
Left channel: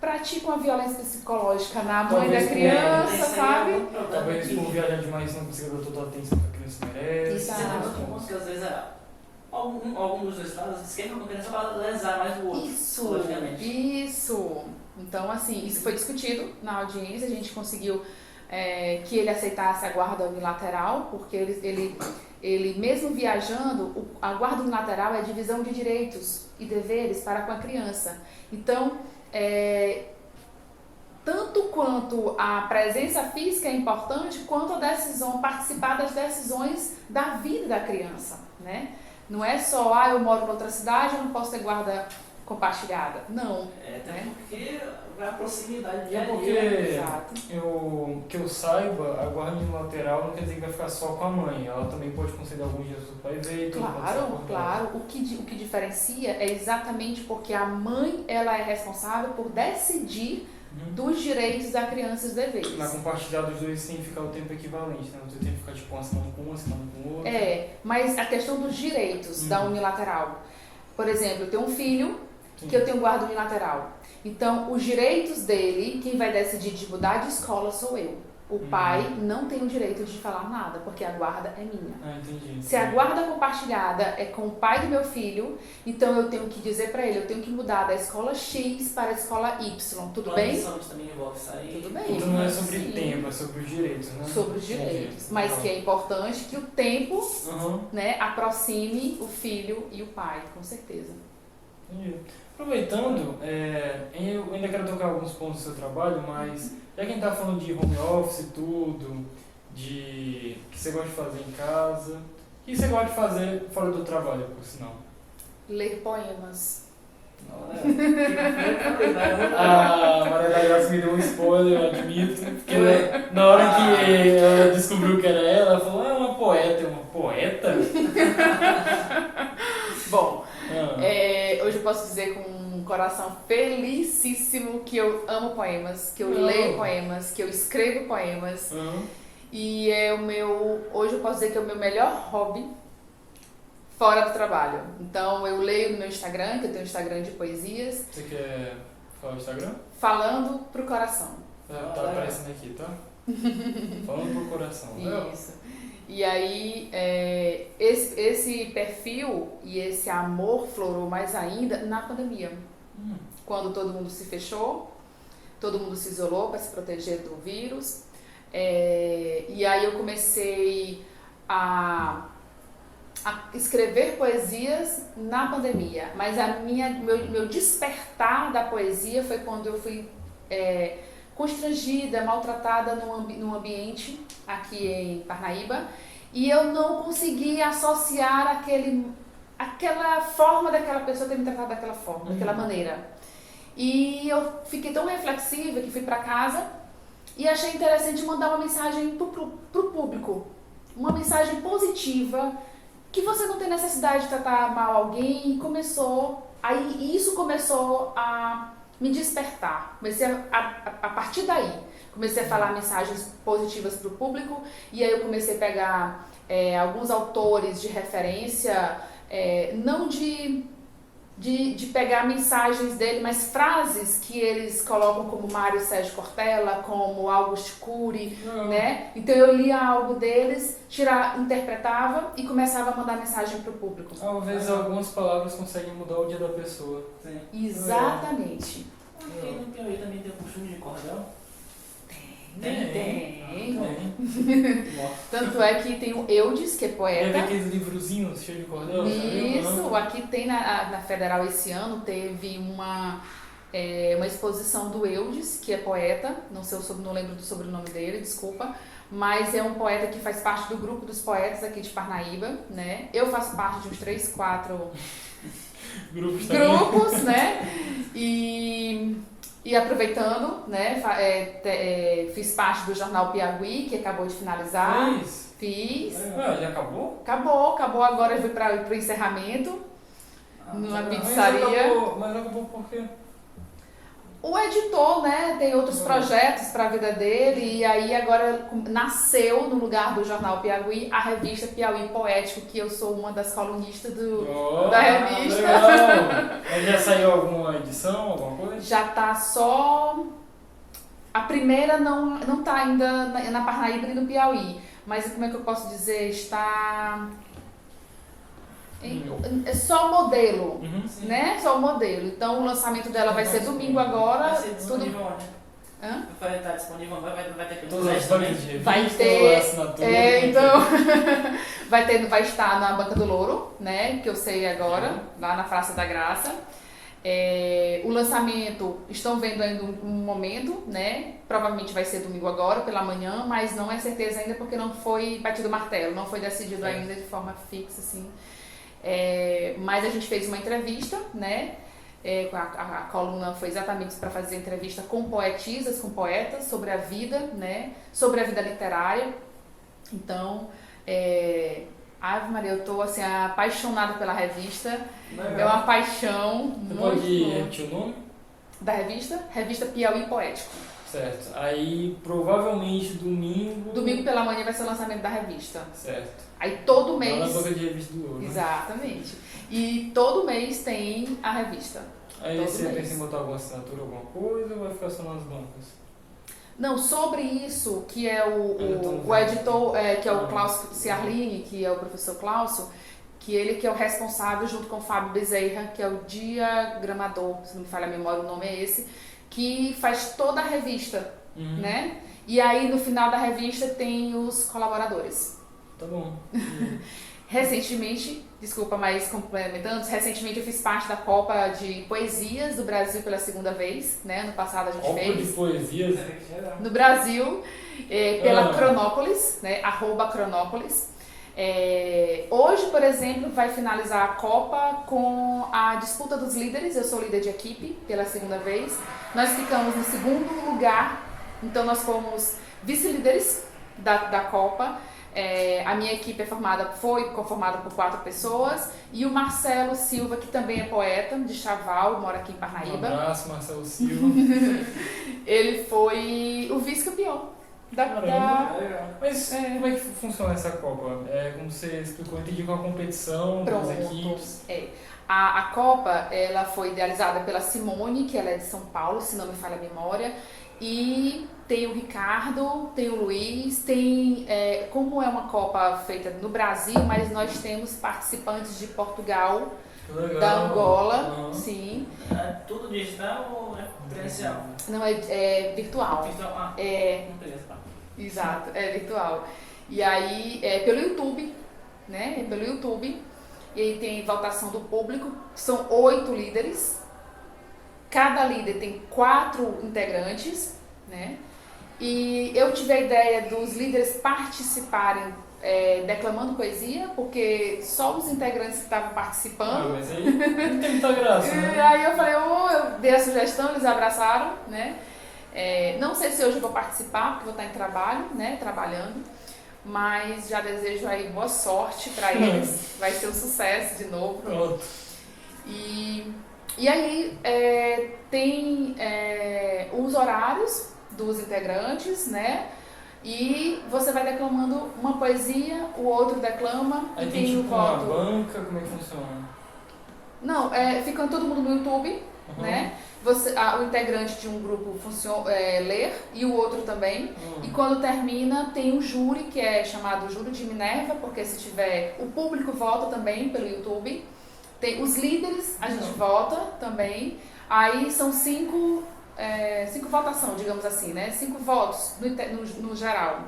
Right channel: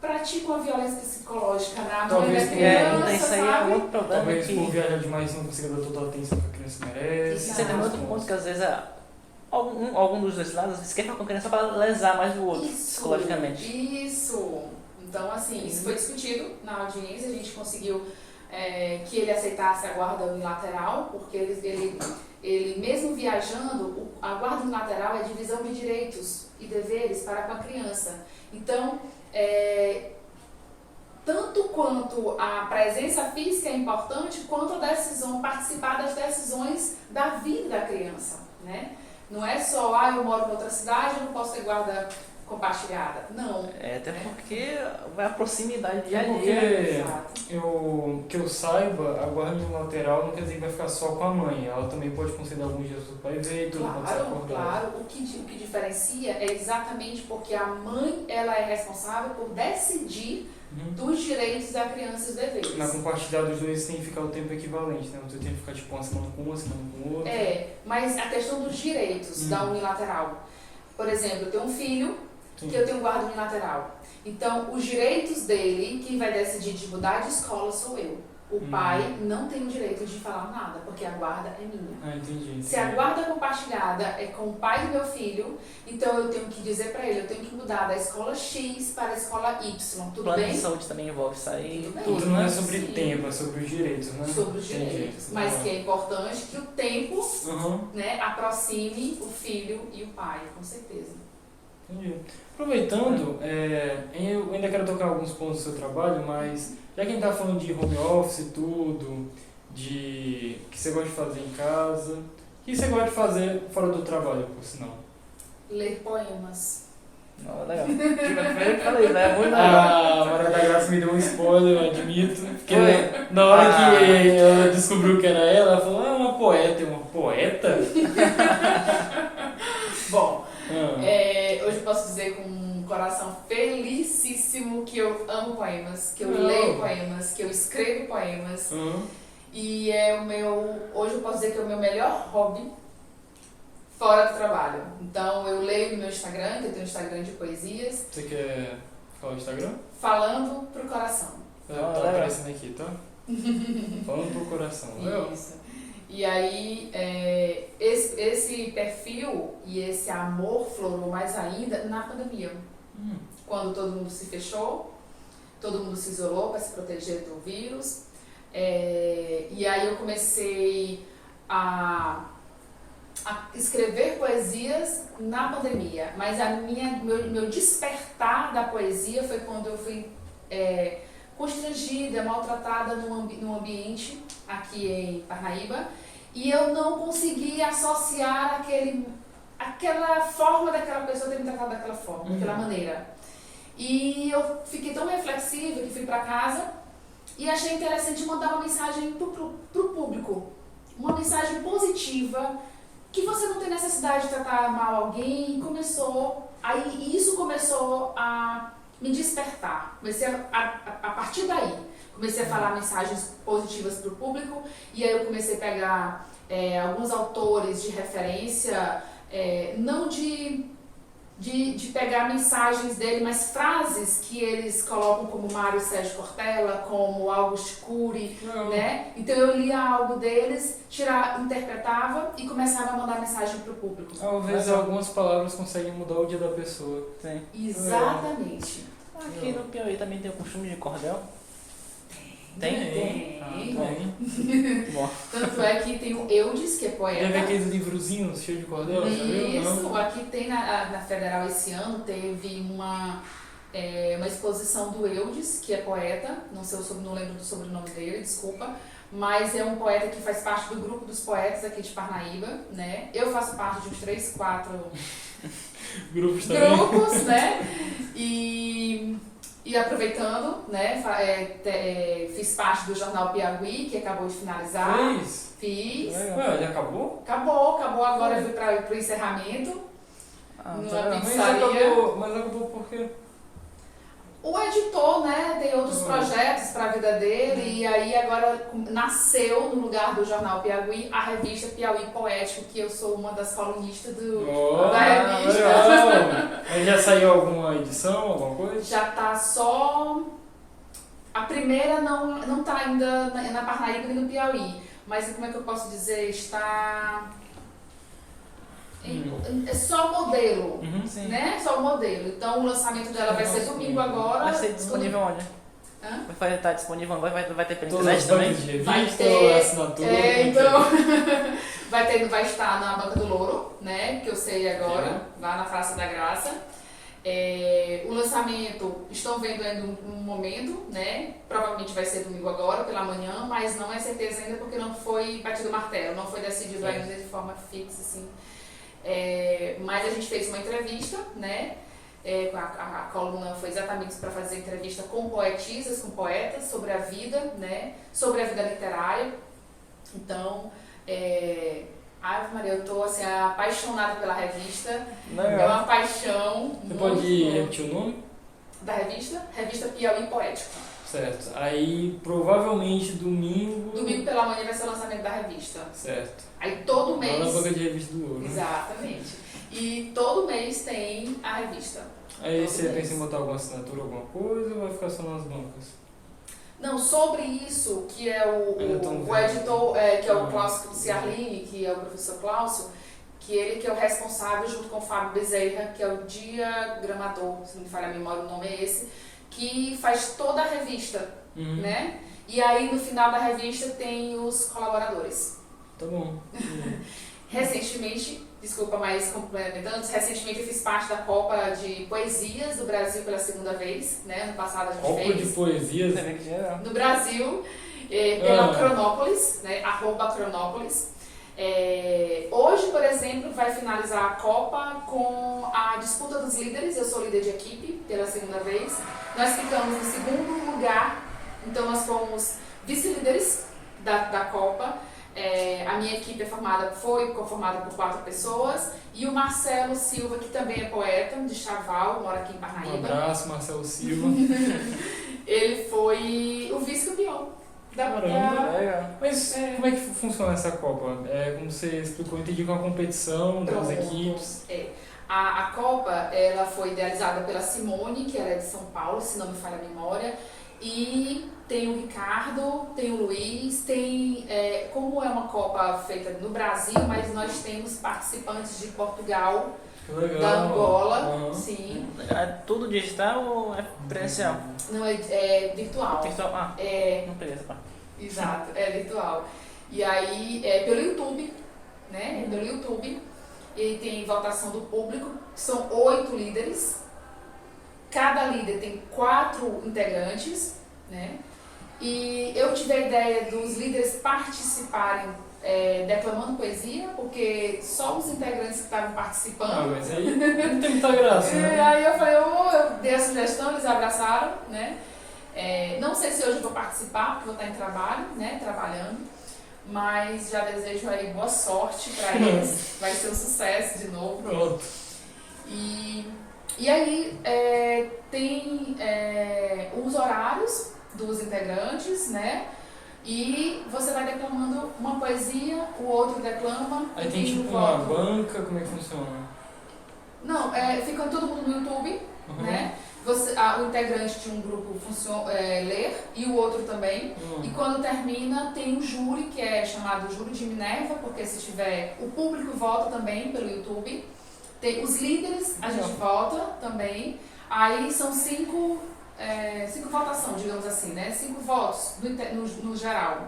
pratica uma violência psicológica na mãe da criança, sabe? Talvez por viajar demais não consiga dar toda a atenção que a criança merece. E você tem outro ponto que às vezes algum dos dois lados às vezes quer ficar com a criança para lesar mais o outro, psicologicamente. Isso! Então, assim, isso foi discutido na audiência, a gente conseguiu que ele aceitasse a guarda unilateral, porque ele mesmo viajando, a guarda unilateral é a divisão de direitos e deveres para com a criança. Então, tanto quanto a presença física é importante, quanto a decisão, participar das decisões da vida da criança, né? Não é só, eu moro em outra cidade, eu não posso ter guarda compartilhada. Não. Até porque vai a proximidade de porque que eu saiba, a guarda unilateral não quer dizer que vai ficar só com a mãe. Ela também pode conceder alguns dias para o pai ver e tudo. Claro. O que diferencia é exatamente porque a mãe ela é responsável por decidir dos direitos da criança e os deveres. Na compartilhada dos dois tem que ficar o tempo equivalente, né? Você tem que ficar tipo uma semana com uma semana com outra. Mas a questão dos direitos da unilateral. Por exemplo, eu tenho um filho que eu tenho guarda unilateral. Então, os direitos dele, quem vai decidir de mudar de escola sou eu. O pai não tem o direito de falar nada, porque a guarda é minha. Ah, entendi. Se a guarda compartilhada é com o pai do meu filho, então eu tenho que dizer para ele, eu tenho que mudar da escola X para a escola Y, tudo Plano bem? de saúde também envolve isso aí. Tudo bem. Tudo não é sobre Sim. tempo, é sobre os direitos, né? Sobre os direitos. Mas que é importante que o tempo, né, aproxime o filho e o pai, com certeza. Entendi. Aproveitando, eu ainda quero tocar alguns pontos do seu trabalho, mas já que a gente tá falando de home office e tudo, de o que você gosta de fazer em casa, o que você gosta de fazer fora do trabalho, por sinal? Ler poemas. Não, legal. Eu falei, né? Muito legal. A Maria da Graça me deu um spoiler, eu admito, porque na hora que ela descobriu que era ela falou, é uma poeta. Uma poeta? Bom, hoje eu posso dizer com um coração felicíssimo que eu amo poemas, que eu leio poemas, que eu escrevo poemas. E hoje eu posso dizer que é o meu melhor hobby fora do trabalho. Então eu leio no meu Instagram, que eu tenho um Instagram de poesias. Você quer falar o Instagram? Falando pro coração. Tá aparecendo aqui, tá? Falando pro coração. Isso. E aí, esse perfil e esse amor florou mais ainda na pandemia. Quando todo mundo se fechou, todo mundo se isolou para se proteger do vírus. E aí eu comecei a escrever poesias na pandemia. Mas meu despertar da poesia foi quando eu fui constrangida, maltratada num ambiente aqui em Parnaíba, e eu não conseguia associar aquela forma daquela pessoa ter me tratado daquela forma, daquela maneira. E eu fiquei tão reflexiva que fui para casa e achei interessante mandar uma mensagem pro público, uma mensagem positiva, que você não tem necessidade de tratar mal alguém, e isso começou a me despertar. Comecei a partir daí, comecei a falar mensagens positivas para o público, e aí eu comecei a pegar alguns autores de referência, não de pegar mensagens dele, mas frases que eles colocam como Mário Sérgio Cortella, como Augusto Cury, né? Então eu lia algo deles, interpretava e começava a mandar mensagem para o público. Às vezes algumas palavras conseguem mudar o dia da pessoa. Sim. Exatamente. Aqui no Piauí também tem o costume de cordel? Tem. Bom. Tanto é que tem o Eudes, que é Já poeta. vi aqueles livrozinhos cheios de cordel, Isso, aqui tem na Federal esse ano, teve uma exposição do Eudes, que é poeta, não lembro do sobrenome dele, desculpa, mas é um poeta que faz parte do grupo dos poetas aqui de Parnaíba, né? Eu faço parte de uns 3, 4 grupos, né? E aproveitando, né, fiz parte do jornal Piauí, que acabou de finalizar. Fiz. Ele acabou? Acabou agora, eu fui para o encerramento, numa pizzaria. Mas acabou por quê? O editor, né, tem outros projetos para a vida dele, e aí agora nasceu, no lugar do jornal Piauí, a revista Piauí Poético, que eu sou uma das colunistas da revista. Mas já saiu alguma edição, alguma coisa? Já tá só... A primeira não tá ainda na Parnaíba e no Piauí, mas como é que eu posso dizer? Está... É só modelo, né? Só o modelo. Então o lançamento dela vai ser domingo agora. Vai ser disponível onde? Vai estar disponível, vai ter pela internet também? Vai ter assinatura. então vai estar na Banca do Louro, né? Que eu sei agora, lá na Praça da Graça. O lançamento, estão vendo ainda um momento, né? Provavelmente vai ser domingo agora, pela manhã, mas não é certeza ainda porque não foi batido o martelo, não foi decidido ainda de forma fixa, assim. Mas a gente fez uma entrevista, né? A coluna foi exatamente para fazer entrevista com poetisas, com poetas, sobre a vida, né? Sobre a vida literária. Então, Ave Maria, eu tô assim, apaixonada pela revista. Legal. É uma paixão. Você pode repetir o nome? Da revista? Revista Piauí Poético. Certo. Aí, provavelmente, domingo... Domingo pela manhã vai ser o lançamento da revista. Certo. Aí todo mês... Lá na banca de revista do Louro, né? Exatamente. E todo mês tem a revista. Aí todo você mês. pensa em botar alguma assinatura, alguma coisa, ou vai ficar só nas bancas? Não, sobre isso, que é o Então, editor, que é o Cláudio Ciarline, que é o professor Cláudio, que ele que é o responsável, junto com o Fábio Bezerra, que é o diagramador, se não me falha a memória, o nome é esse, que faz toda a revista, né? E aí, no final da revista, tem os colaboradores. Tá bom. Recentemente, desculpa, mas complementando, recentemente eu fiz parte da Copa de Poesias do Brasil pela segunda vez, né? Ano passado a gente Copa fez. de Poesias? No Brasil, pela Cronópolis, né? @Cronópolis. Hoje, por exemplo, vai finalizar a Copa com a disputa dos líderes. Eu sou líder de equipe pela segunda vez. Nós ficamos no segundo lugar, então nós fomos vice-líderes da Copa. A minha equipe foi conformada por 4 pessoas e o Marcelo Silva, que também é poeta de Chaval, mora aqui em Parnaíba. Um abraço, Marcelo Silva. Ele foi o vice-campeão. Mas como é que funciona essa Copa? Como você explicou, eu entendi com a competição das equipes. A Copa ela foi idealizada pela Simone, que ela é de São Paulo, se não me falha a memória. E tem o Ricardo, tem o Luiz, como é uma Copa feita no Brasil, mas nós temos participantes de Portugal, da Angola, sim. É tudo digital ou é presencial? Não, é virtual. Virtual? Não precisa. Exato, é virtual. E aí é pelo YouTube, né? É pelo YouTube. E aí tem votação do público, são 8 líderes. Cada líder tem 4 integrantes, né? E eu tive a ideia dos líderes participarem declamando poesia, porque só os integrantes que estavam participando. Mas aí não tem muita graça, né? Aí eu falei, eu dei a sugestão, eles abraçaram, né? Não sei se hoje eu vou participar, porque vou estar em trabalho, né? Trabalhando. Mas já desejo aí boa sorte para eles. Vai ser um sucesso de novo. Pronto. E aí tem os horários dos integrantes, né? E você vai declamando uma poesia, o outro declama. Aí e tem tipo o uma voto. banca, como é que funciona? Não, fica todo mundo no YouTube, né? O integrante de um grupo ler e o outro também. E quando termina, tem um júri, que é chamado Júri de Minerva, porque se tiver... O público vota também pelo YouTube. Tem os líderes, a gente vota também. Aí são 5 votações, digamos assim, né? 5 votos no geral.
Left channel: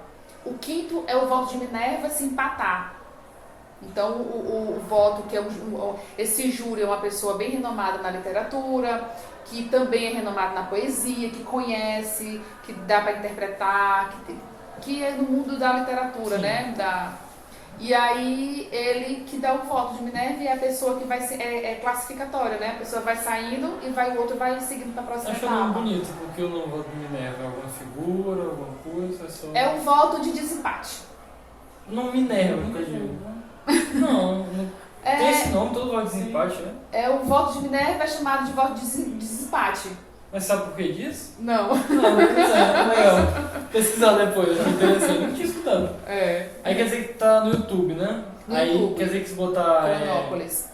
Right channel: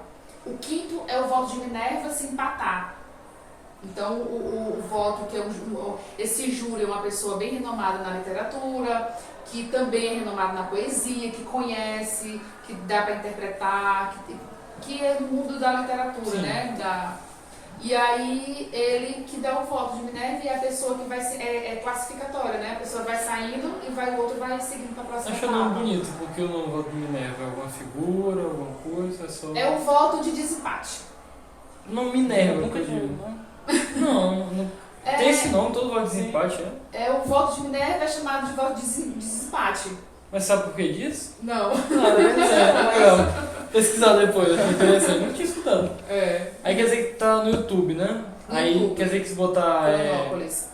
O quinto é o voto de Minerva se empatar. Então, o voto, que esse júri é uma pessoa bem renomada na literatura, que também é renomado na poesia, que conhece, que dá para interpretar, que é no mundo da literatura, sim, né? E aí, ele que dá o voto de Minerva e a pessoa que vai ser classificatória, né? A pessoa vai saindo e o outro vai seguindo para a próxima etapa. Acho o nome bonito, porque o nome voto de Minerva é alguma figura, alguma coisa, É um voto de desempate. O nome Minerva, que eu digo. Não, tem esse nome, todo voto de desempate, né? O voto de Minerva é chamado de voto de desempate. Mas sabe por que disso? Não. Legal. Pesquisar depois, achei interessante. Não tinha escutado. Aí quer dizer que tá no YouTube, né? Aí YouTube. Quer dizer que se botar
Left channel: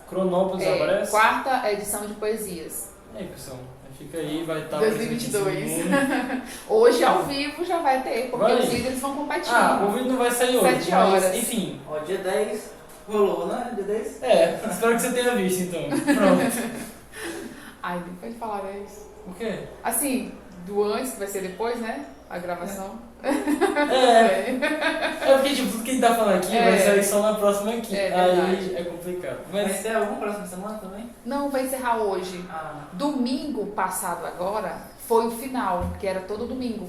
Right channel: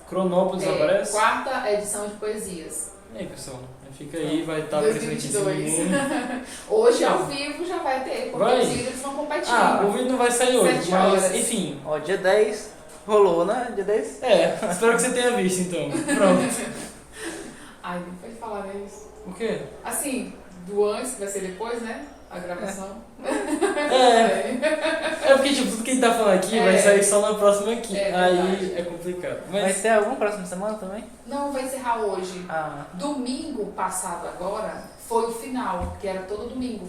Cronópolis aparece? 4ª edição de poesias. E aí, pessoal, fica aí, vai estar aparecendo aqui em cima. Hoje ao vivo já vai ter, porque os líderes vão competir. O vídeo não vai sair hoje, 7 horas. Mas enfim. Dia 10 rolou, né? Dia 10? Espero que você tenha visto então. Pronto. Ai, nem pode falar isso. O quê? Assim, do antes, que vai ser depois, né? A gravação. Porque tipo, tudo que a gente tá falando aqui vai sair só na próxima aqui. Aí é complicado. Mas... Vai ter alguma próxima semana também? Não, vai encerrar hoje. Domingo passado agora foi o final, que era todo domingo.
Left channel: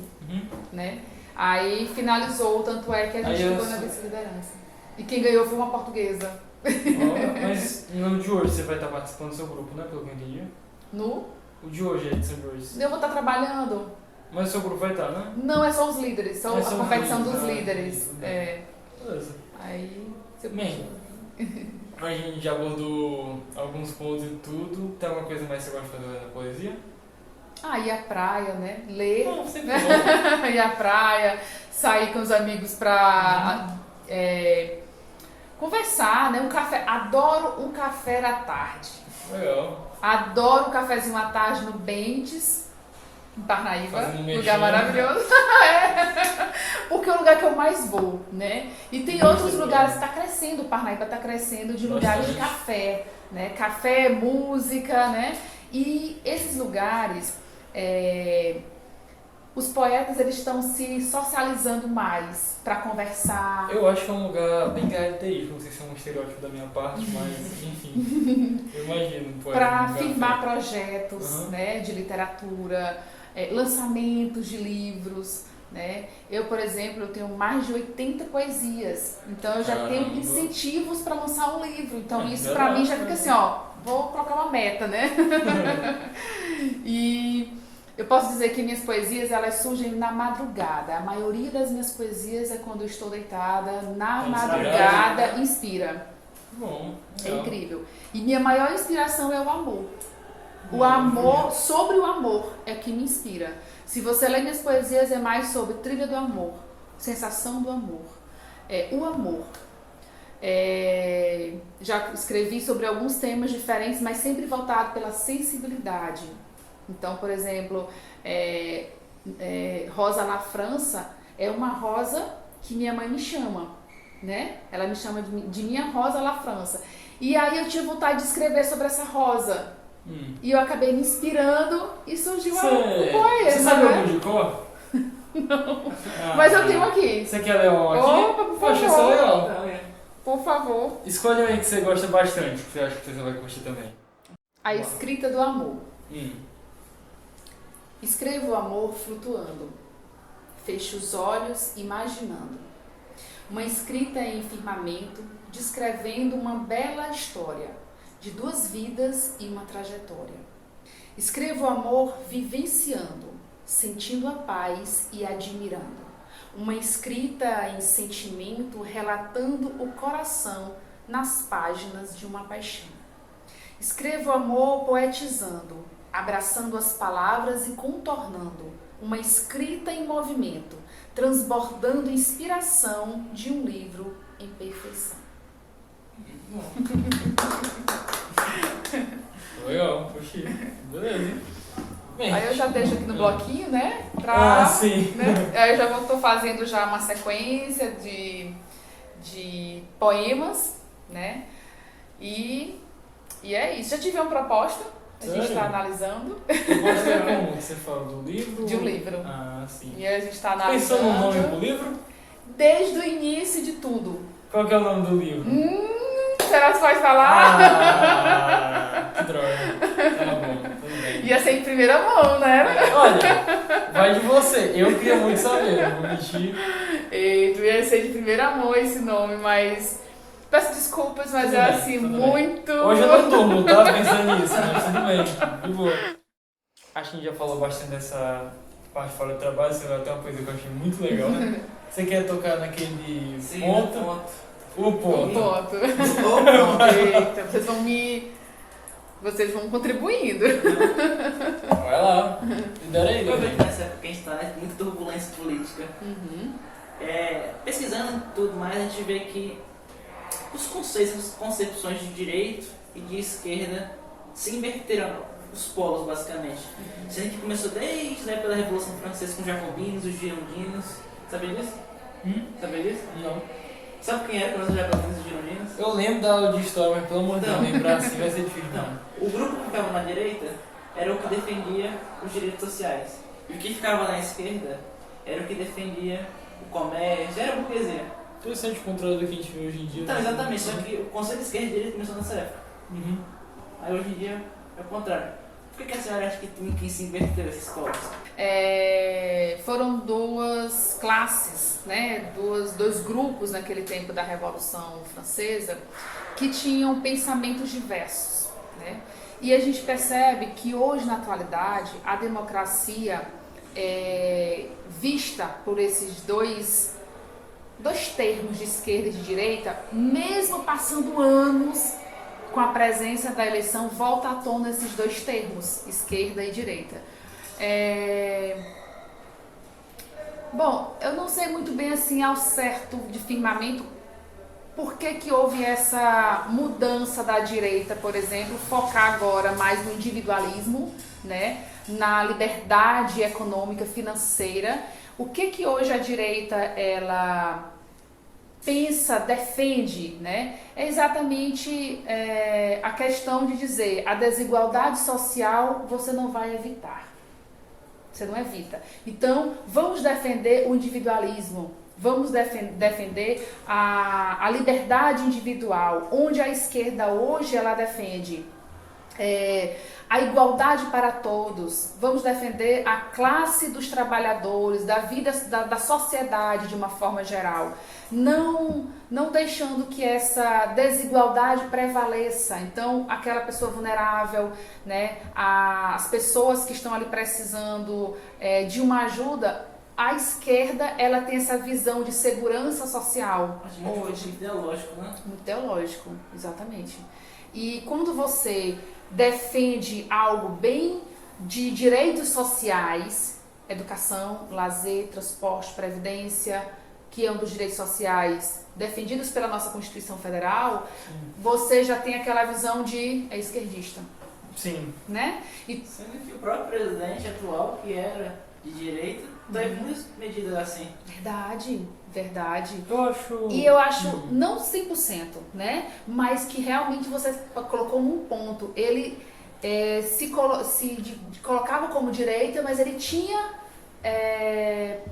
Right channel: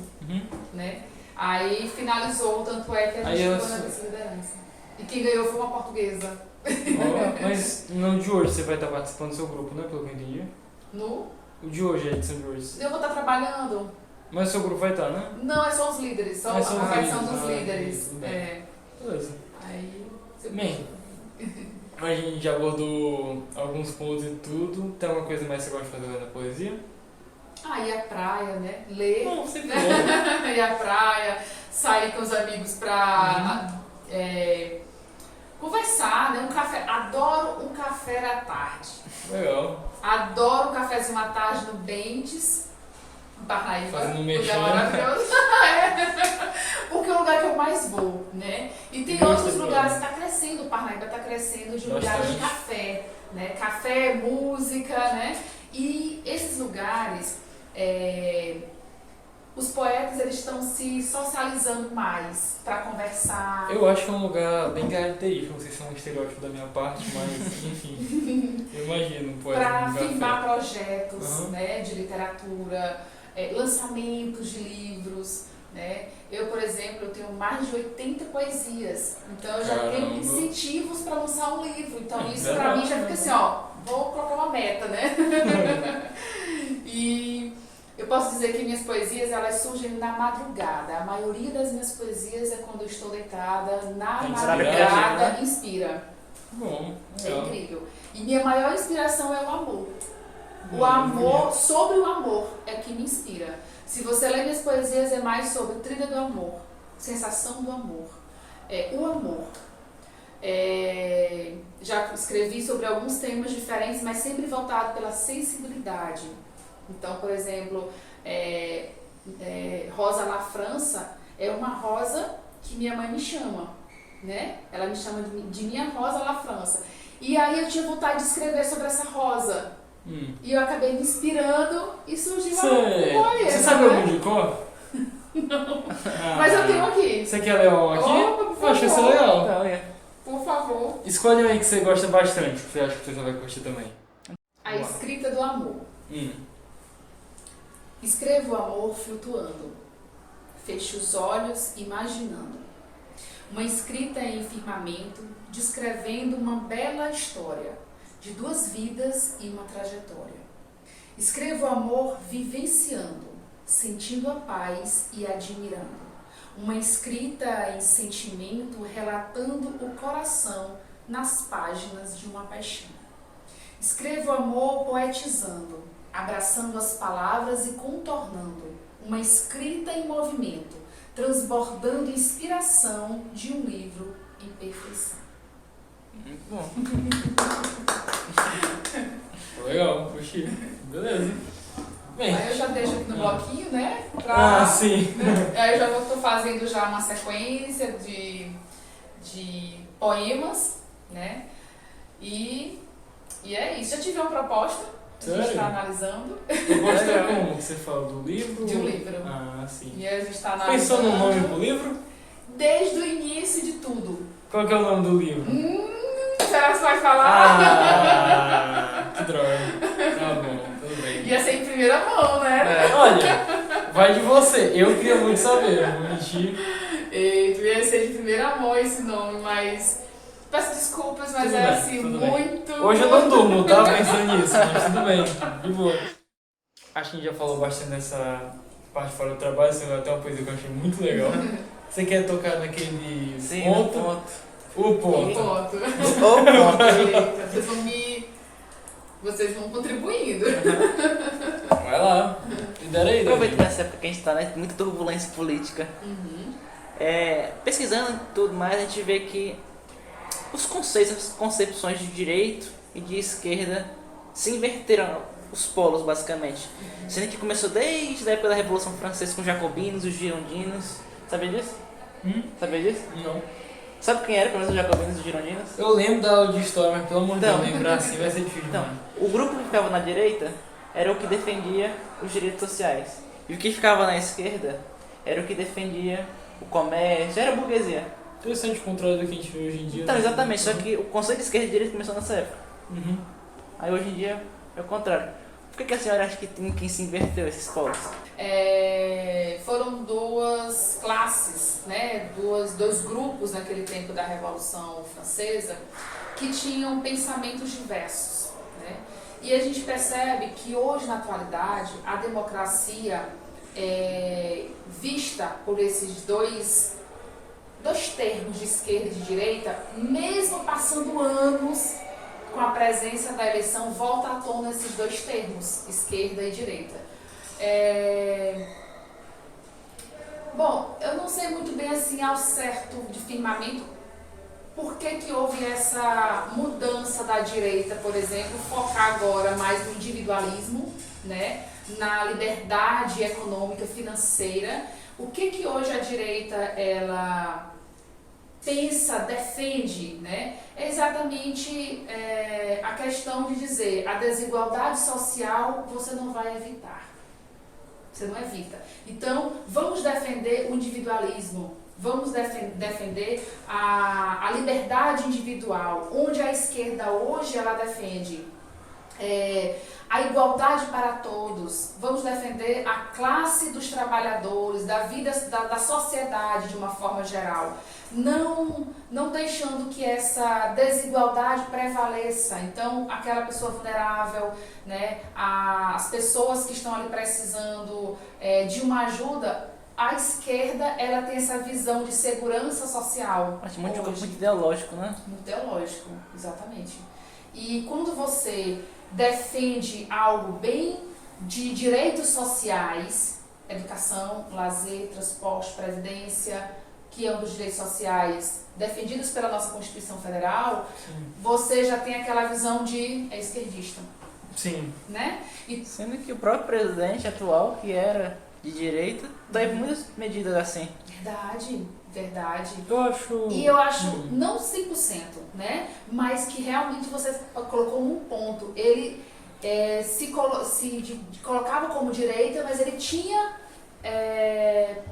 Né? Aí finalizou, tanto é que a gente ficou na vice-liderança. E quem ganhou foi uma portuguesa. Mas no de hoje você vai estar participando do seu grupo, né? Pelo que eu entendi. O de hoje, a edição de hoje. Eu vou estar trabalhando. Mas o seu grupo vai estar, né? Não, é só os líderes, só a competição dos líderes. Beleza. Aí você Bem, a gente já abordou alguns pontos e tudo. Tem alguma coisa mais que você gosta de fazer na poesia? Ir à praia, né? Ler. Sempre Ir à praia, sair com os amigos pra conversar, né? Um café. Adoro um café da tarde. Legal. Adoro um cafezinho à tarde no Bentes. Parnaíba, Fazendo um lugar mexer. maravilhoso. Porque é o lugar que eu mais vou, né? E tem outros lugares, está crescendo, Parnaíba está crescendo de lugares de café, né? Café, música, né? E esses lugares, os poetas, eles estão se socializando mais para conversar. Eu acho que é um lugar bem característico, não sei se é um estereótipo da minha parte, mas enfim, eu imagino. Para firmar projetos, né, de literatura, lançamentos de livros, né? Eu, por exemplo, eu tenho mais de 80 poesias, então eu já tenho incentivos para lançar um livro, então isso para mim já fica assim, ó, vou colocar uma meta, né? E eu posso dizer que minhas poesias, elas surgem na madrugada. A maioria das minhas poesias é quando eu estou deitada, na madrugada, inspira. Bom, é incrível. E minha maior inspiração é o amor. O amor, sobre o amor, é o que me inspira. Se você ler minhas poesias, é mais sobre trilha do amor, sensação do amor, o amor. Já escrevi sobre alguns temas diferentes, mas sempre voltado pela sensibilidade. Então, por exemplo, Rosa La França é uma rosa que minha mãe me chama, né? Ela me chama de minha Rosa La França. E aí eu tinha vontade de escrever sobre essa rosa. E eu acabei me inspirando e surgiu uma poema. Você sabe algum de cor? Não. Mas eu tenho aqui. Você quer ler um aqui? Opa, por favor. Poxa, isso é legal. Por favor. Escolhe um aí que você gosta bastante, que você acha que você vai curtir também. A escrita do amor. Escrevo o amor flutuando. Fecho os olhos imaginando. Uma escrita em firmamento, descrevendo uma bela história de 2 vidas e uma trajetória. Escrevo o amor vivenciando, sentindo a paz e admirando. Uma escrita em sentimento, relatando o coração nas páginas de uma paixão. Escrevo o amor poetizando, abraçando as palavras e contornando. Uma escrita em movimento, transbordando inspiração de um livro em perfeição. Bom. Legal, puxei. Beleza. Bem, aí eu já deixo aqui no bloquinho, né? Sim. Né? Aí eu já estou fazendo já uma sequência de poemas, né? E é isso. Já tive uma proposta, a gente está analisando. Proposta é como você fala do livro? De um livro. Sim. E a gente está analisando. Pensou no nome pro livro? Desde o início de tudo. Qual que é o nome do livro? Será que você vai falar? Que droga. Tá bom, tudo bem. Ia ser em primeira mão, né? Olha, vai de você. Eu queria muito saber, não vou mentir. Ia ser de primeira mão esse nome, mas peço desculpas, mas tudo bem, assim, muito... Bem. Hoje eu não durmo, tá? Pensando nisso, mas tudo bem, de boa. Acho que a gente já falou bastante dessa parte fora do trabalho, você vai até uma coisa que eu achei muito legal. Você quer tocar naquele ponto? O ponto. Eita, vocês vão contribuindo. Vai lá, lidera aí. Aproveita nessa época que a gente está, né? Muita turbulência política. Pesquisando e tudo mais, a gente vê que os conceitos, as concepções de direito e de esquerda se inverteram, os polos basicamente. Sendo que começou desde a época da Revolução Francesa com os jacobinos, os girondinos. Sabia disso? Sabia disso? Não. Sabe quem era os jacobinos e os girondinos? Eu lembro da aula de história, mas pelo amor de Deus, lembrar assim vai ser difícil. Então, o grupo que ficava na direita era o que defendia os direitos sociais. E o que ficava na esquerda era o que defendia o comércio, era a burguesia. Interessante o contrário do que a gente vê hoje em dia. Então, né? exatamente, só que o conceito de esquerda e direita começou nessa época. Aí hoje em dia é o contrário. Por que a senhora acha que tem quem se inverteu esses polos? Foram 2 classes, né? Dois grupos naquele tempo da Revolução Francesa que tinham pensamentos diversos, né? E a gente percebe que hoje, na atualidade, a democracia vista por esses dois termos de esquerda e de direita, mesmo passando anos com a presença da eleição, volta à tona esses 2 termos, esquerda e direita. Bom, eu não sei muito bem assim ao certo de firmamento por que houve essa mudança da direita, por exemplo, focar agora mais no individualismo, né? na liberdade econômica, financeira. O que hoje a direita ela pensa, defende, né? É exatamente a questão de dizer a desigualdade social você não vai evitar. Você não evita. Então, vamos defender o individualismo. Vamos defender a liberdade individual, onde a esquerda hoje ela defende a igualdade para todos. Vamos defender a classe dos trabalhadores, da vida, da sociedade de uma forma geral. Não deixando que essa desigualdade prevaleça. Então, aquela pessoa vulnerável, né, as pessoas que estão ali precisando de uma ajuda, a esquerda ela tem essa visão de segurança social. Acho muito ideológico, né? Muito ideológico, exatamente. E quando você defende algo bem de direitos sociais, educação, lazer, transporte, previdência, que é um dos direitos sociais defendidos pela nossa Constituição Federal, você já tem aquela visão de esquerdista. Sim. Né? E sendo que o próprio presidente atual, que era de direita, teve muitas medidas assim. Verdade. Eu acho... não 100%, né? Mas que realmente você colocou um ponto. Ele se colocava como direita, mas ele tinha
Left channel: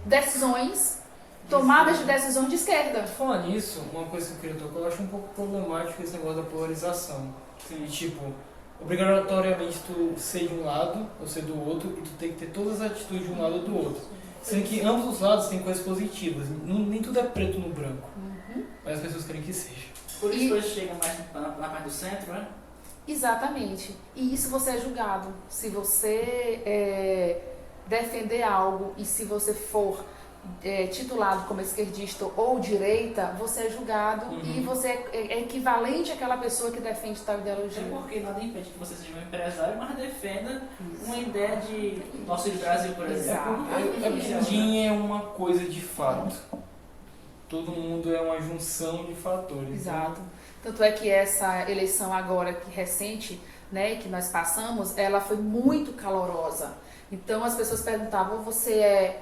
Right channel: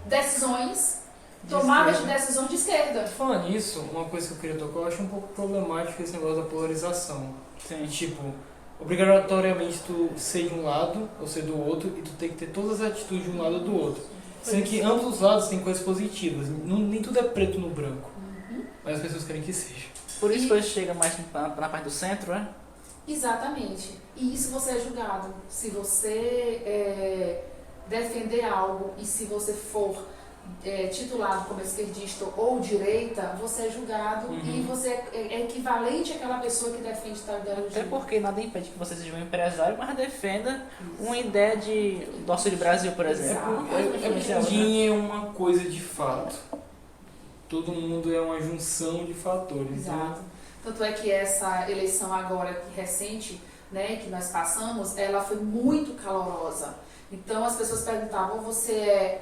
decisões, tomadas de decisões de esquerda. Falando nisso, uma coisa que eu queria tocar, eu acho um pouco problemático esse negócio da polarização. E tipo, obrigatoriamente tu ser de um lado ou ser do outro, e tu tem que ter todas as atitudes de um lado ou do outro. Sendo que ambos os lados têm coisas positivas. Nem tudo é preto no branco. Mas as pessoas querem que seja. Por isso hoje chega mais na parte do centro, né? Exatamente. E isso você é julgado. Se você defender algo e se você for titulado como esquerdista ou direita, você é julgado e você é equivalente àquela pessoa que defende tal ideologia. Até porque nada impede que você seja um empresário, mas defenda uma ideia de nosso Brasil, por exemplo. Ninguém é uma coisa de fato. Todo mundo é uma junção de fatores. Exato. Tanto é que essa eleição agora que recente, né, que nós passamos, ela foi muito calorosa. Então as pessoas perguntavam, você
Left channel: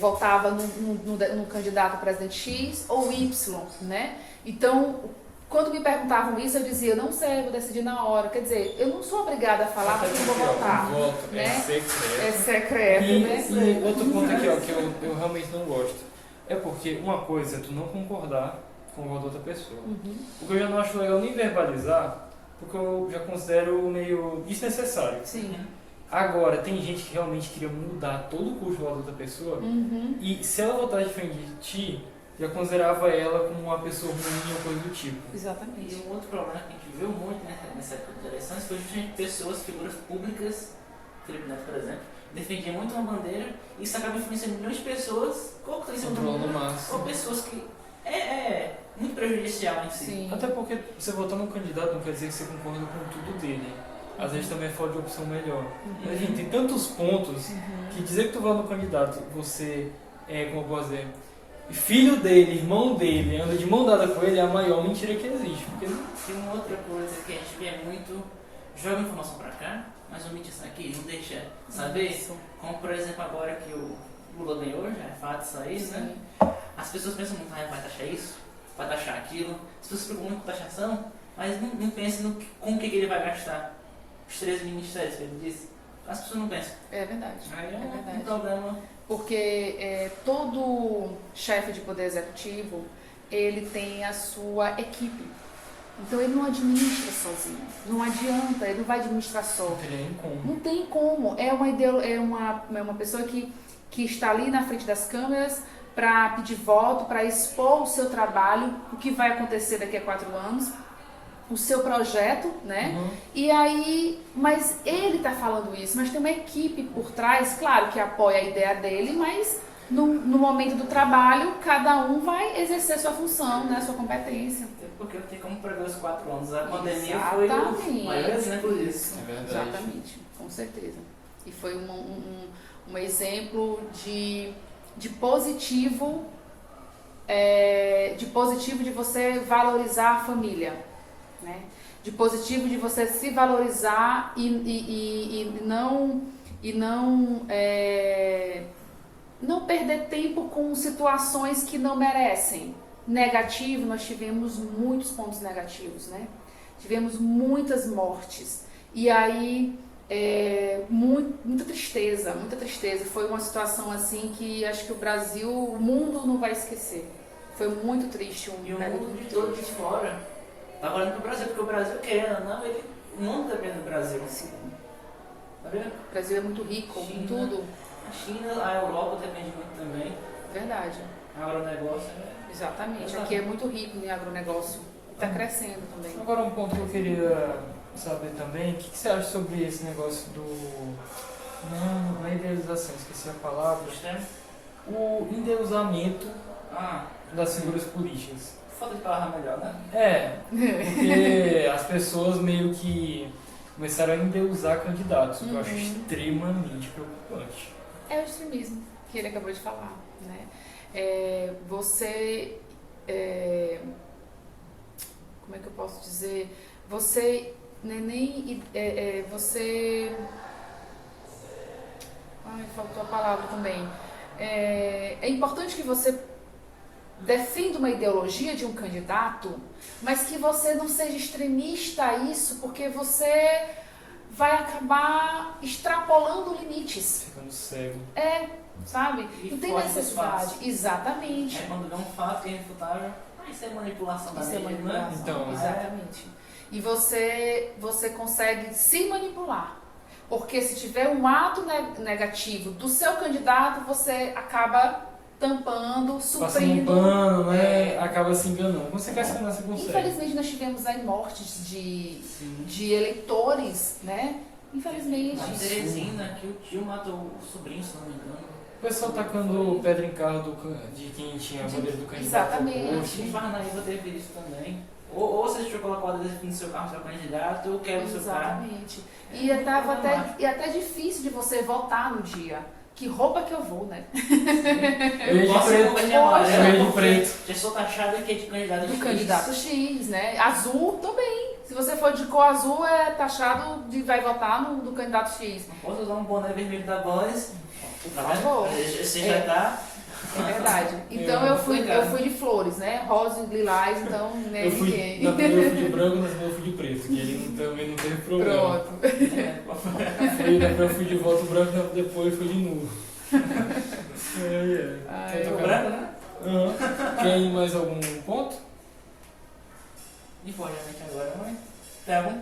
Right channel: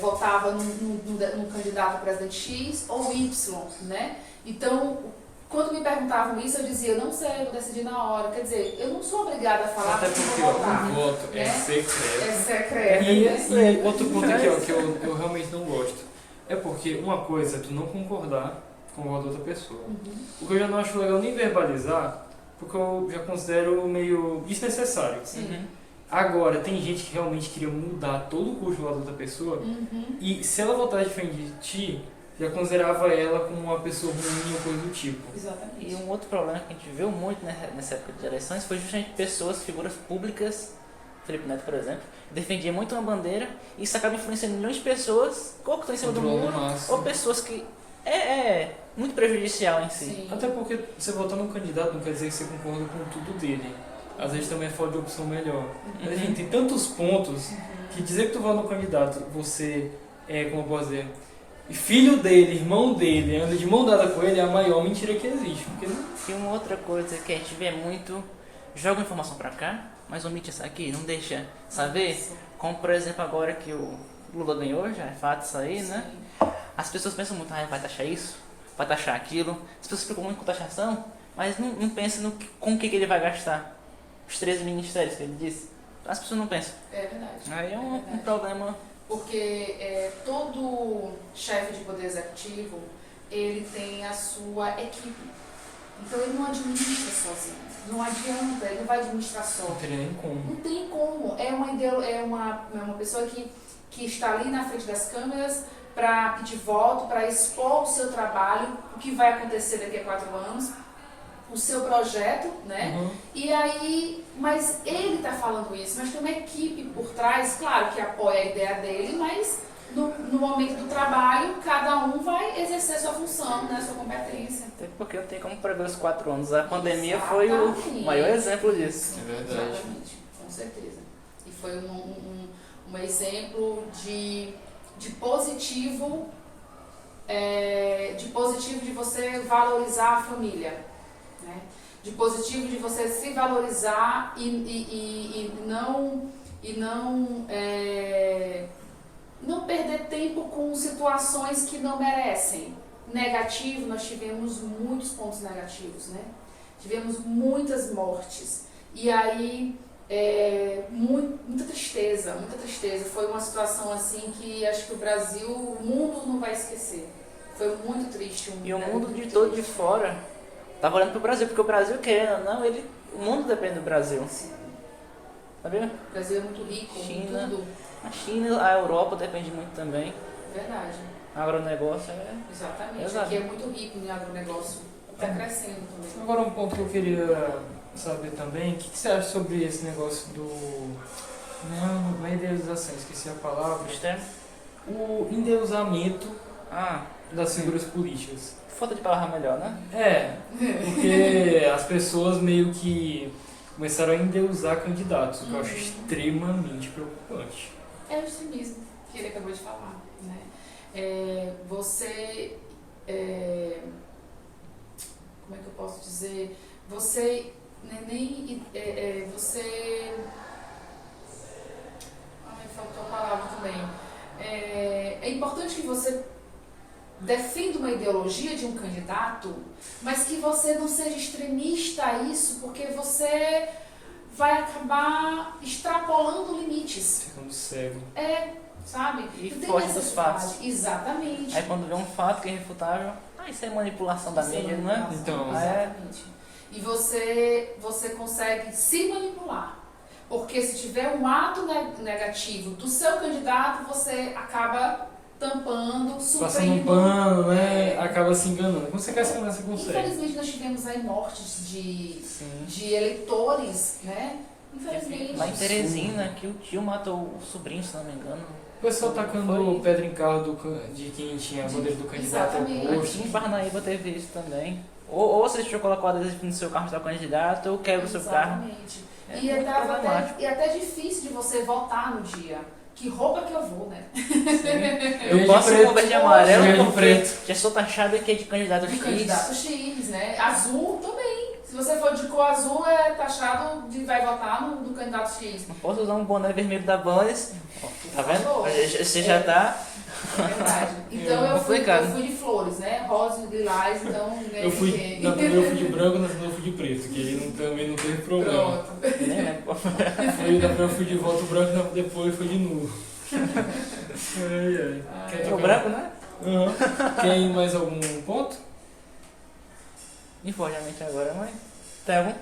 votava no candidato a presidente X ou Y, né? Então, quando me perguntavam isso, eu dizia, eu não sei, vou decidir na hora. Quer dizer, eu não sou obrigada a falar até porque porque vou votar. O voto né? é secreto. É secreto, né? E outro ponto aqui, ó, que eu realmente não gosto. É porque uma coisa é tu não concordar com o voto da outra pessoa. O que eu já não acho legal nem verbalizar, porque eu já considero meio desnecessário. Sim. Agora, tem gente que realmente queria mudar todo o curso do voto da outra pessoa, e se ela votar diferente de ti, já considerava ela como uma pessoa ruim ou coisa do tipo. Exatamente. E um outro problema que a gente viu muito nessa época de eleições foi justamente pessoas, figuras públicas, Felipe Neto, por exemplo, defendia muito uma bandeira e isso acaba influenciando milhões de pessoas, ou que estão em cima do muro, ou pessoas que é muito prejudicial em si. Sim. Até porque você votar num candidato não quer dizer que você concorda com tudo dele. Às vezes também é falta de opção melhor. Mas enfim, tem tantos pontos que dizer que tu vota no candidato, você como eu posso dizer, filho dele, irmão dele, anda de mão dada com ele, é a maior mentira que existe. Porque E uma outra coisa que a gente vê muito, joga informação pra cá, mas omite isso aqui, não deixa saber. Isso. Como por exemplo agora que o Lula ganhou, já é fato isso aí, né? As pessoas pensam muito, vai taxar isso, vai taxar aquilo. As pessoas se preocupam muito com taxação, mas não pensam com o que ele vai gastar. Os 13 ministérios que ele disse. As pessoas não pensam. É verdade. Aí é verdade. um problema. Porque todo chefe de poder executivo, ele tem a sua equipe. Então ele não administra sozinho. Não adianta, ele não vai administrar só. não teria nem como. Não tem como. É uma pessoa que está ali na frente das câmeras para pedir voto, para expor o seu trabalho, o que vai acontecer daqui a 4 anos, o seu projeto, né? E aí, mas ele está falando isso, mas tem uma equipe por trás, claro que apoia a ideia dele, mas no momento do trabalho, cada um vai exercer sua função, né? Sua competência. Até porque não tem como prever os 4 anos. A pandemia foi o maior exemplo disso. É verdade. Exatamente, com certeza. E foi um exemplo de positivo, de você valorizar a família, né? de positivo, de você se valorizar e não perder tempo com situações que não merecem. Negativo, nós tivemos muitos pontos negativos, né? Tivemos muitas mortes. E aí, muita tristeza, muita tristeza. Foi uma situação assim que acho que o Brasil, o mundo não vai esquecer. Foi muito triste. E o mundo de todo de fora tava olhando pro Brasil, porque o Brasil, querendo ou não, o mundo depende do Brasil. Tá vendo? O Brasil é muito rico em China, tudo. A China, a Europa depende muito também. Verdade. Agronegócio Exatamente. Exato. Aqui é muito rico em agronegócio. Está crescendo também. Agora um ponto que eu queria saber também, o que você acha sobre esse negócio do... Não é idealização, esqueci a palavra. externo. O endeusamento Ah, das figuras políticas. falta de palavra melhor, né? Porque as pessoas meio que começaram a endeusar candidatos, o que eu acho extremamente preocupante. É o extremismo que ele acabou de falar, né? Como é que eu posso dizer? Você faltou a palavra também. É importante que você defenda uma ideologia de um candidato, mas que você não seja extremista a isso, porque você vai acabar extrapolando limites. Ficando cego. Sabe? E não tem foge dos necessidade. fatos. Exatamente. Aí quando vê um fato que é irrefutável, isso é manipulação da Isso é mídia, né? manipulação, Então, exatamente. E você consegue se manipular. Porque se tiver um ato negativo do seu candidato, você acaba tampando, Passando um suprindo. pano, né? Acaba se enganando. Quando você quer se enganar, você consegue. Infelizmente, nós tivemos aí mortes Sim. de eleitores, né? Infelizmente. Lá em Teresina, que o tio matou o sobrinho, se não me engano. O pessoal tacando pedra em carro de quem tinha a bandeira do candidato Exatamente. oposto. Aqui em Parnaíba teve isso também. Ou você deixou colocar o adesivo no seu carro do seu candidato, ou quebra o seu carro. Exatamente. É E muito problemático. é até difícil de você votar no dia. Que roupa que eu vou, né? Eu ia de posso preto. converter Eu amarelo ia de porque preto. já sou taxado aqui de candidato De X. candidato X, né? Azul também. Se você for de cor azul, é taxado de vai votar no candidato X. Não posso usar um boné vermelho da Bundes. Tá Por vendo? favor. Você já tá. É verdade. Então eu fui de flores, né? Rosa e lilás, então né, Eu fui, ninguém. na primeira eu fui de branco, na segunda eu fui de preto, que aí também não teve problema. Pronto. Né? Na primeira eu fui de volta branco, depois foi de nulo. Quer O tocar? branco, né? Uhum. Quer mais algum ponto? Informalmente agora, mãe. Tá bom?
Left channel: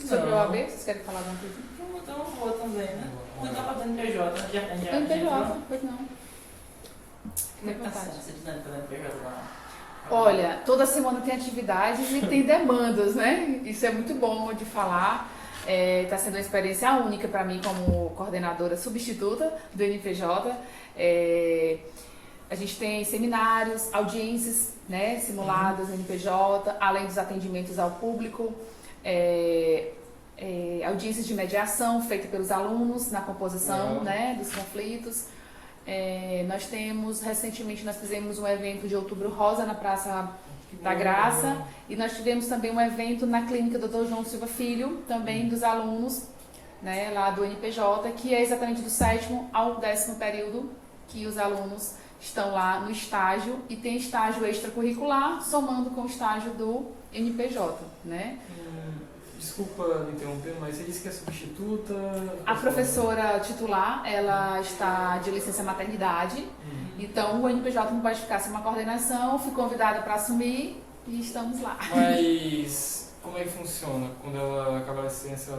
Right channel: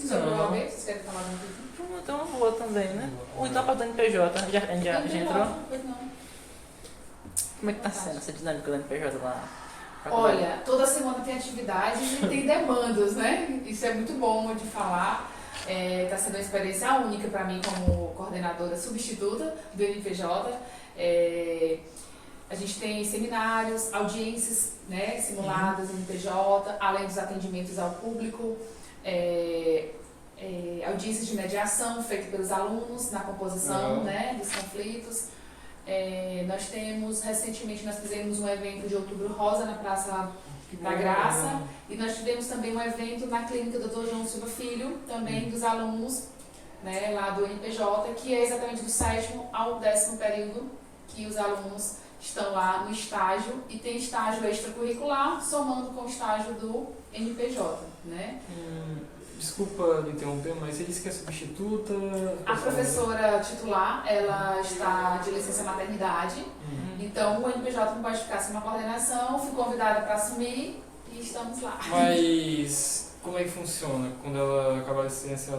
Sobre o Não. OAB, vocês querem falar alguma coisa? Então eu vou também, né? Ou então pra NPJ, já entrou? Pois não. Como é que tá sendo essa dinâmica da NPJ lá? Olha, toda semana tem atividades e tem demandas, né? Isso é muito bom de falar. Está sendo uma experiência única para mim como coordenadora substituta do NPJ. A gente tem seminários, audiências, né, simuladas no NPJ, além dos atendimentos ao público, audiências de mediação feitas pelos alunos na composição né, dos conflitos. Recentemente nós fizemos um evento de Outubro Rosa na Praça da Graça e nós tivemos também um evento na clínica Dr. João Silva Filho, também dos alunos né, lá do NPJ, que é exatamente do 7º ao 10º período que os alunos estão lá no estágio e tem estágio extracurricular somando com o estágio do NPJ, né? Desculpa me interromper, mas você disse que é substituta? A professora titular, ela está de licença maternidade, então o NPJ não pode ficar sem uma coordenação, fui convidada para assumir e estamos lá. Mas como é que funciona? Quando ela acabar a licença,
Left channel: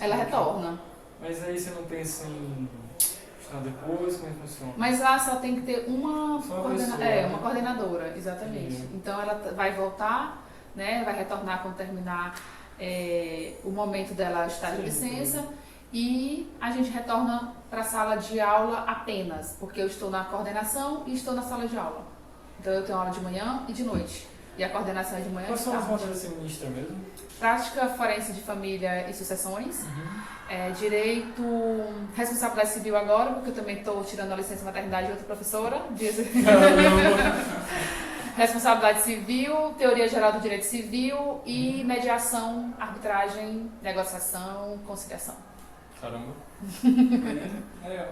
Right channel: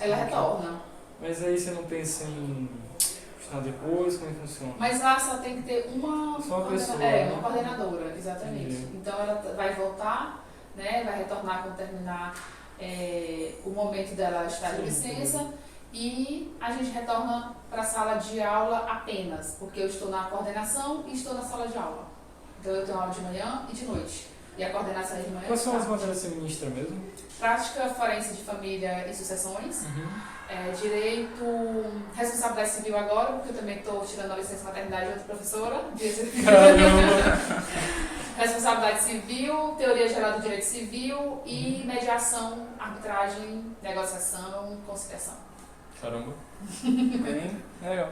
Ela retorna. Mas aí você não pensa em estudar depois? Como é que funciona? Mas lá só tem que ter uma, Só uma pessoa, uma né? coordenadora, exatamente. Entendi. Então ela vai voltar, né, vai retornar quando terminar o momento dela estar de licença e a gente retorna para a sala de aula apenas, porque eu estou na coordenação e estou na sala de aula. Então eu tenho aula de manhã e de noite. E a coordenação é de manhã e Quais de são as tarde. matérias que você ministra mesmo? Prática forense de família e sucessões. Direito, responsabilidade civil agora, porque eu também estou tirando a licença maternidade de outra professora. Caramba! Responsabilidade civil, teoria geral do direito civil e mediação, arbitragem, negociação, conciliação. Caramba. Legal.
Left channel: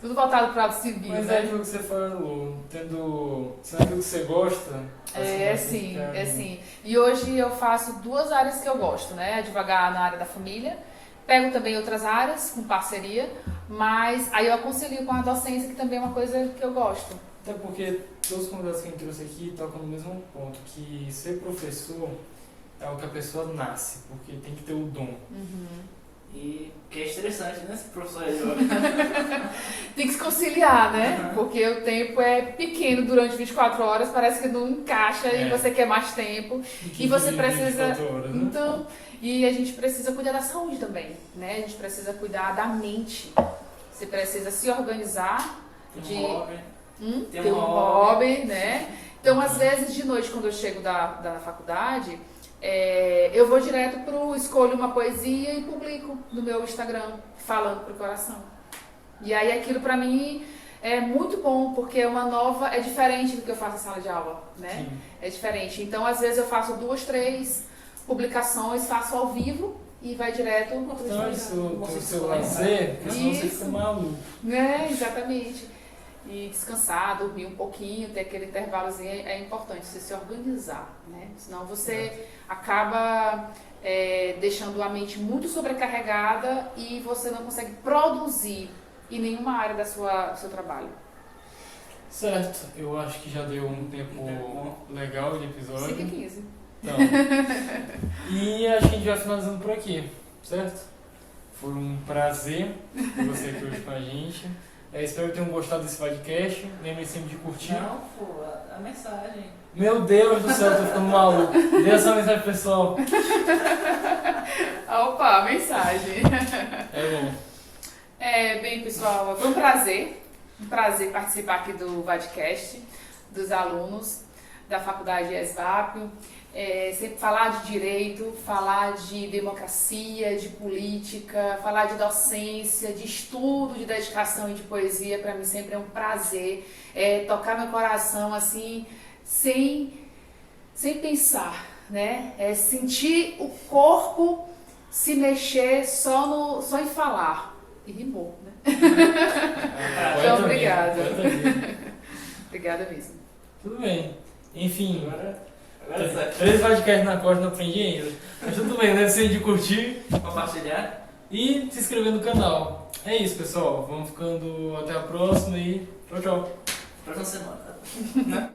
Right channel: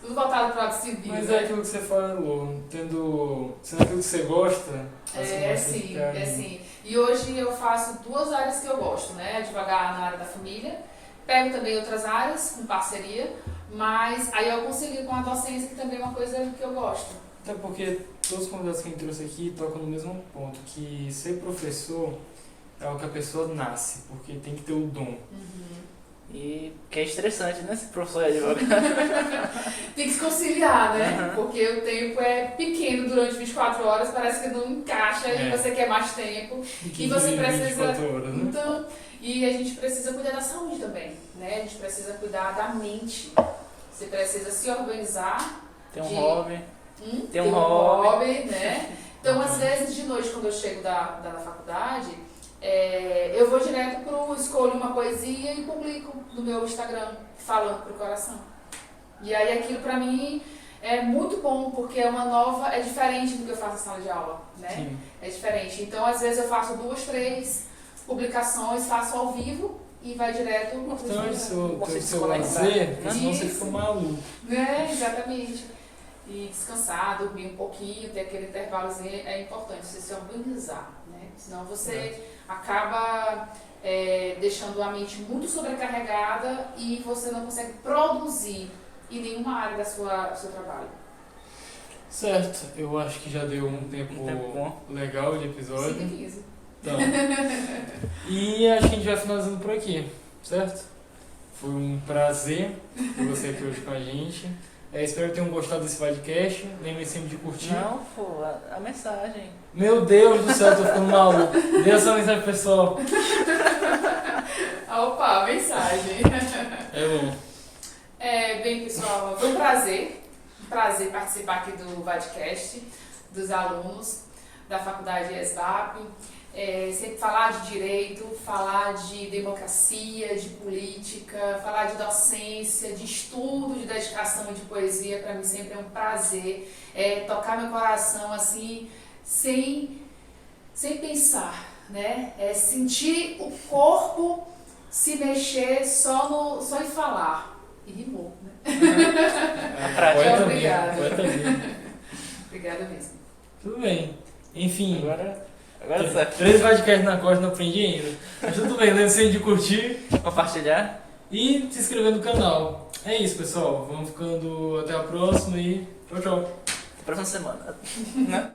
Tudo voltado para o lado civil, Mas né? é aquilo que você falou, sendo aquilo que você gosta. É sim. E hoje eu faço 2 áreas que eu gosto, né? Advogar na área da família, pego também outras áreas com parceria, mas aí eu concilio com a docência, que também é uma coisa que eu gosto. Até porque todos os convidados que a gente trouxe aqui tocam no mesmo ponto, que ser professor é o que a pessoa nasce, porque tem que ter o dom. E que é estressante, né? Esse professor de yoga. Tem que se conciliar, né? Porque o tempo é pequeno durante 24 horas, parece que não encaixa e você quer mais tempo. E você precisa. 24 horas, né? Então, e a gente precisa cuidar da saúde também, né? A gente precisa cuidar da mente. Você precisa se organizar. Tem um hobby. Tem um hobby, né? Então, às vezes, de noite, quando eu chego da faculdade, eu vou direto escolho uma poesia e publico no meu Instagram, falando pro coração. E aí aquilo pra mim é muito bom, porque é diferente do que eu faço na sala de aula, né? Sim. É diferente. Então, às vezes eu faço 2, 3 publicações, faço ao vivo e vai direto no Então, isso Você tem o seu desconectar. lazer, porque senão você Isso. fica maluco. né? Exatamente. E descansar, dormir um pouquinho, ter aquele intervalozinho é importante, você se organizar, né? Senão você acaba deixando a mente muito sobrecarregada e você não consegue produzir em nenhuma área do seu trabalho. Certo, eu acho que já deu um tempo bom. legal de 5 episódio. e 15. Então, e acho que a gente vai finalizando por aqui, certo? Foi um prazer ter você aqui hoje com a gente. Espero que tenham gostado desse podcast. Lembrem sempre de curtir. Não, pô, a mensagem. Meu Deus do céu, eu tô ficando maluco. Dê essa mensagem pessoal. Opa, mensagem. É bom. Bem, pessoal, foi um prazer participar aqui do Vadcast, dos alunos da Faculdade ESBAP. Sempre falar de direito, falar de democracia, de política, falar de docência, de estudo, de dedicação e de poesia, para mim sempre é um prazer tocar meu coração assim, sem pensar, né? Sentir o corpo se mexer só em falar. E rimou, né? Poeta Obrigada. mesmo, poeta mesmo. Obrigada mesmo. Tudo bem. Enfim, Agora certo. 3 podcasts na costa não aprendi ainda. Mas tudo bem, lembre sempre de curtir Compartilhar. e se inscrever no canal. É isso, pessoal. Vamos ficando até a próxima e tchau, tchau. Próxima semana. Né?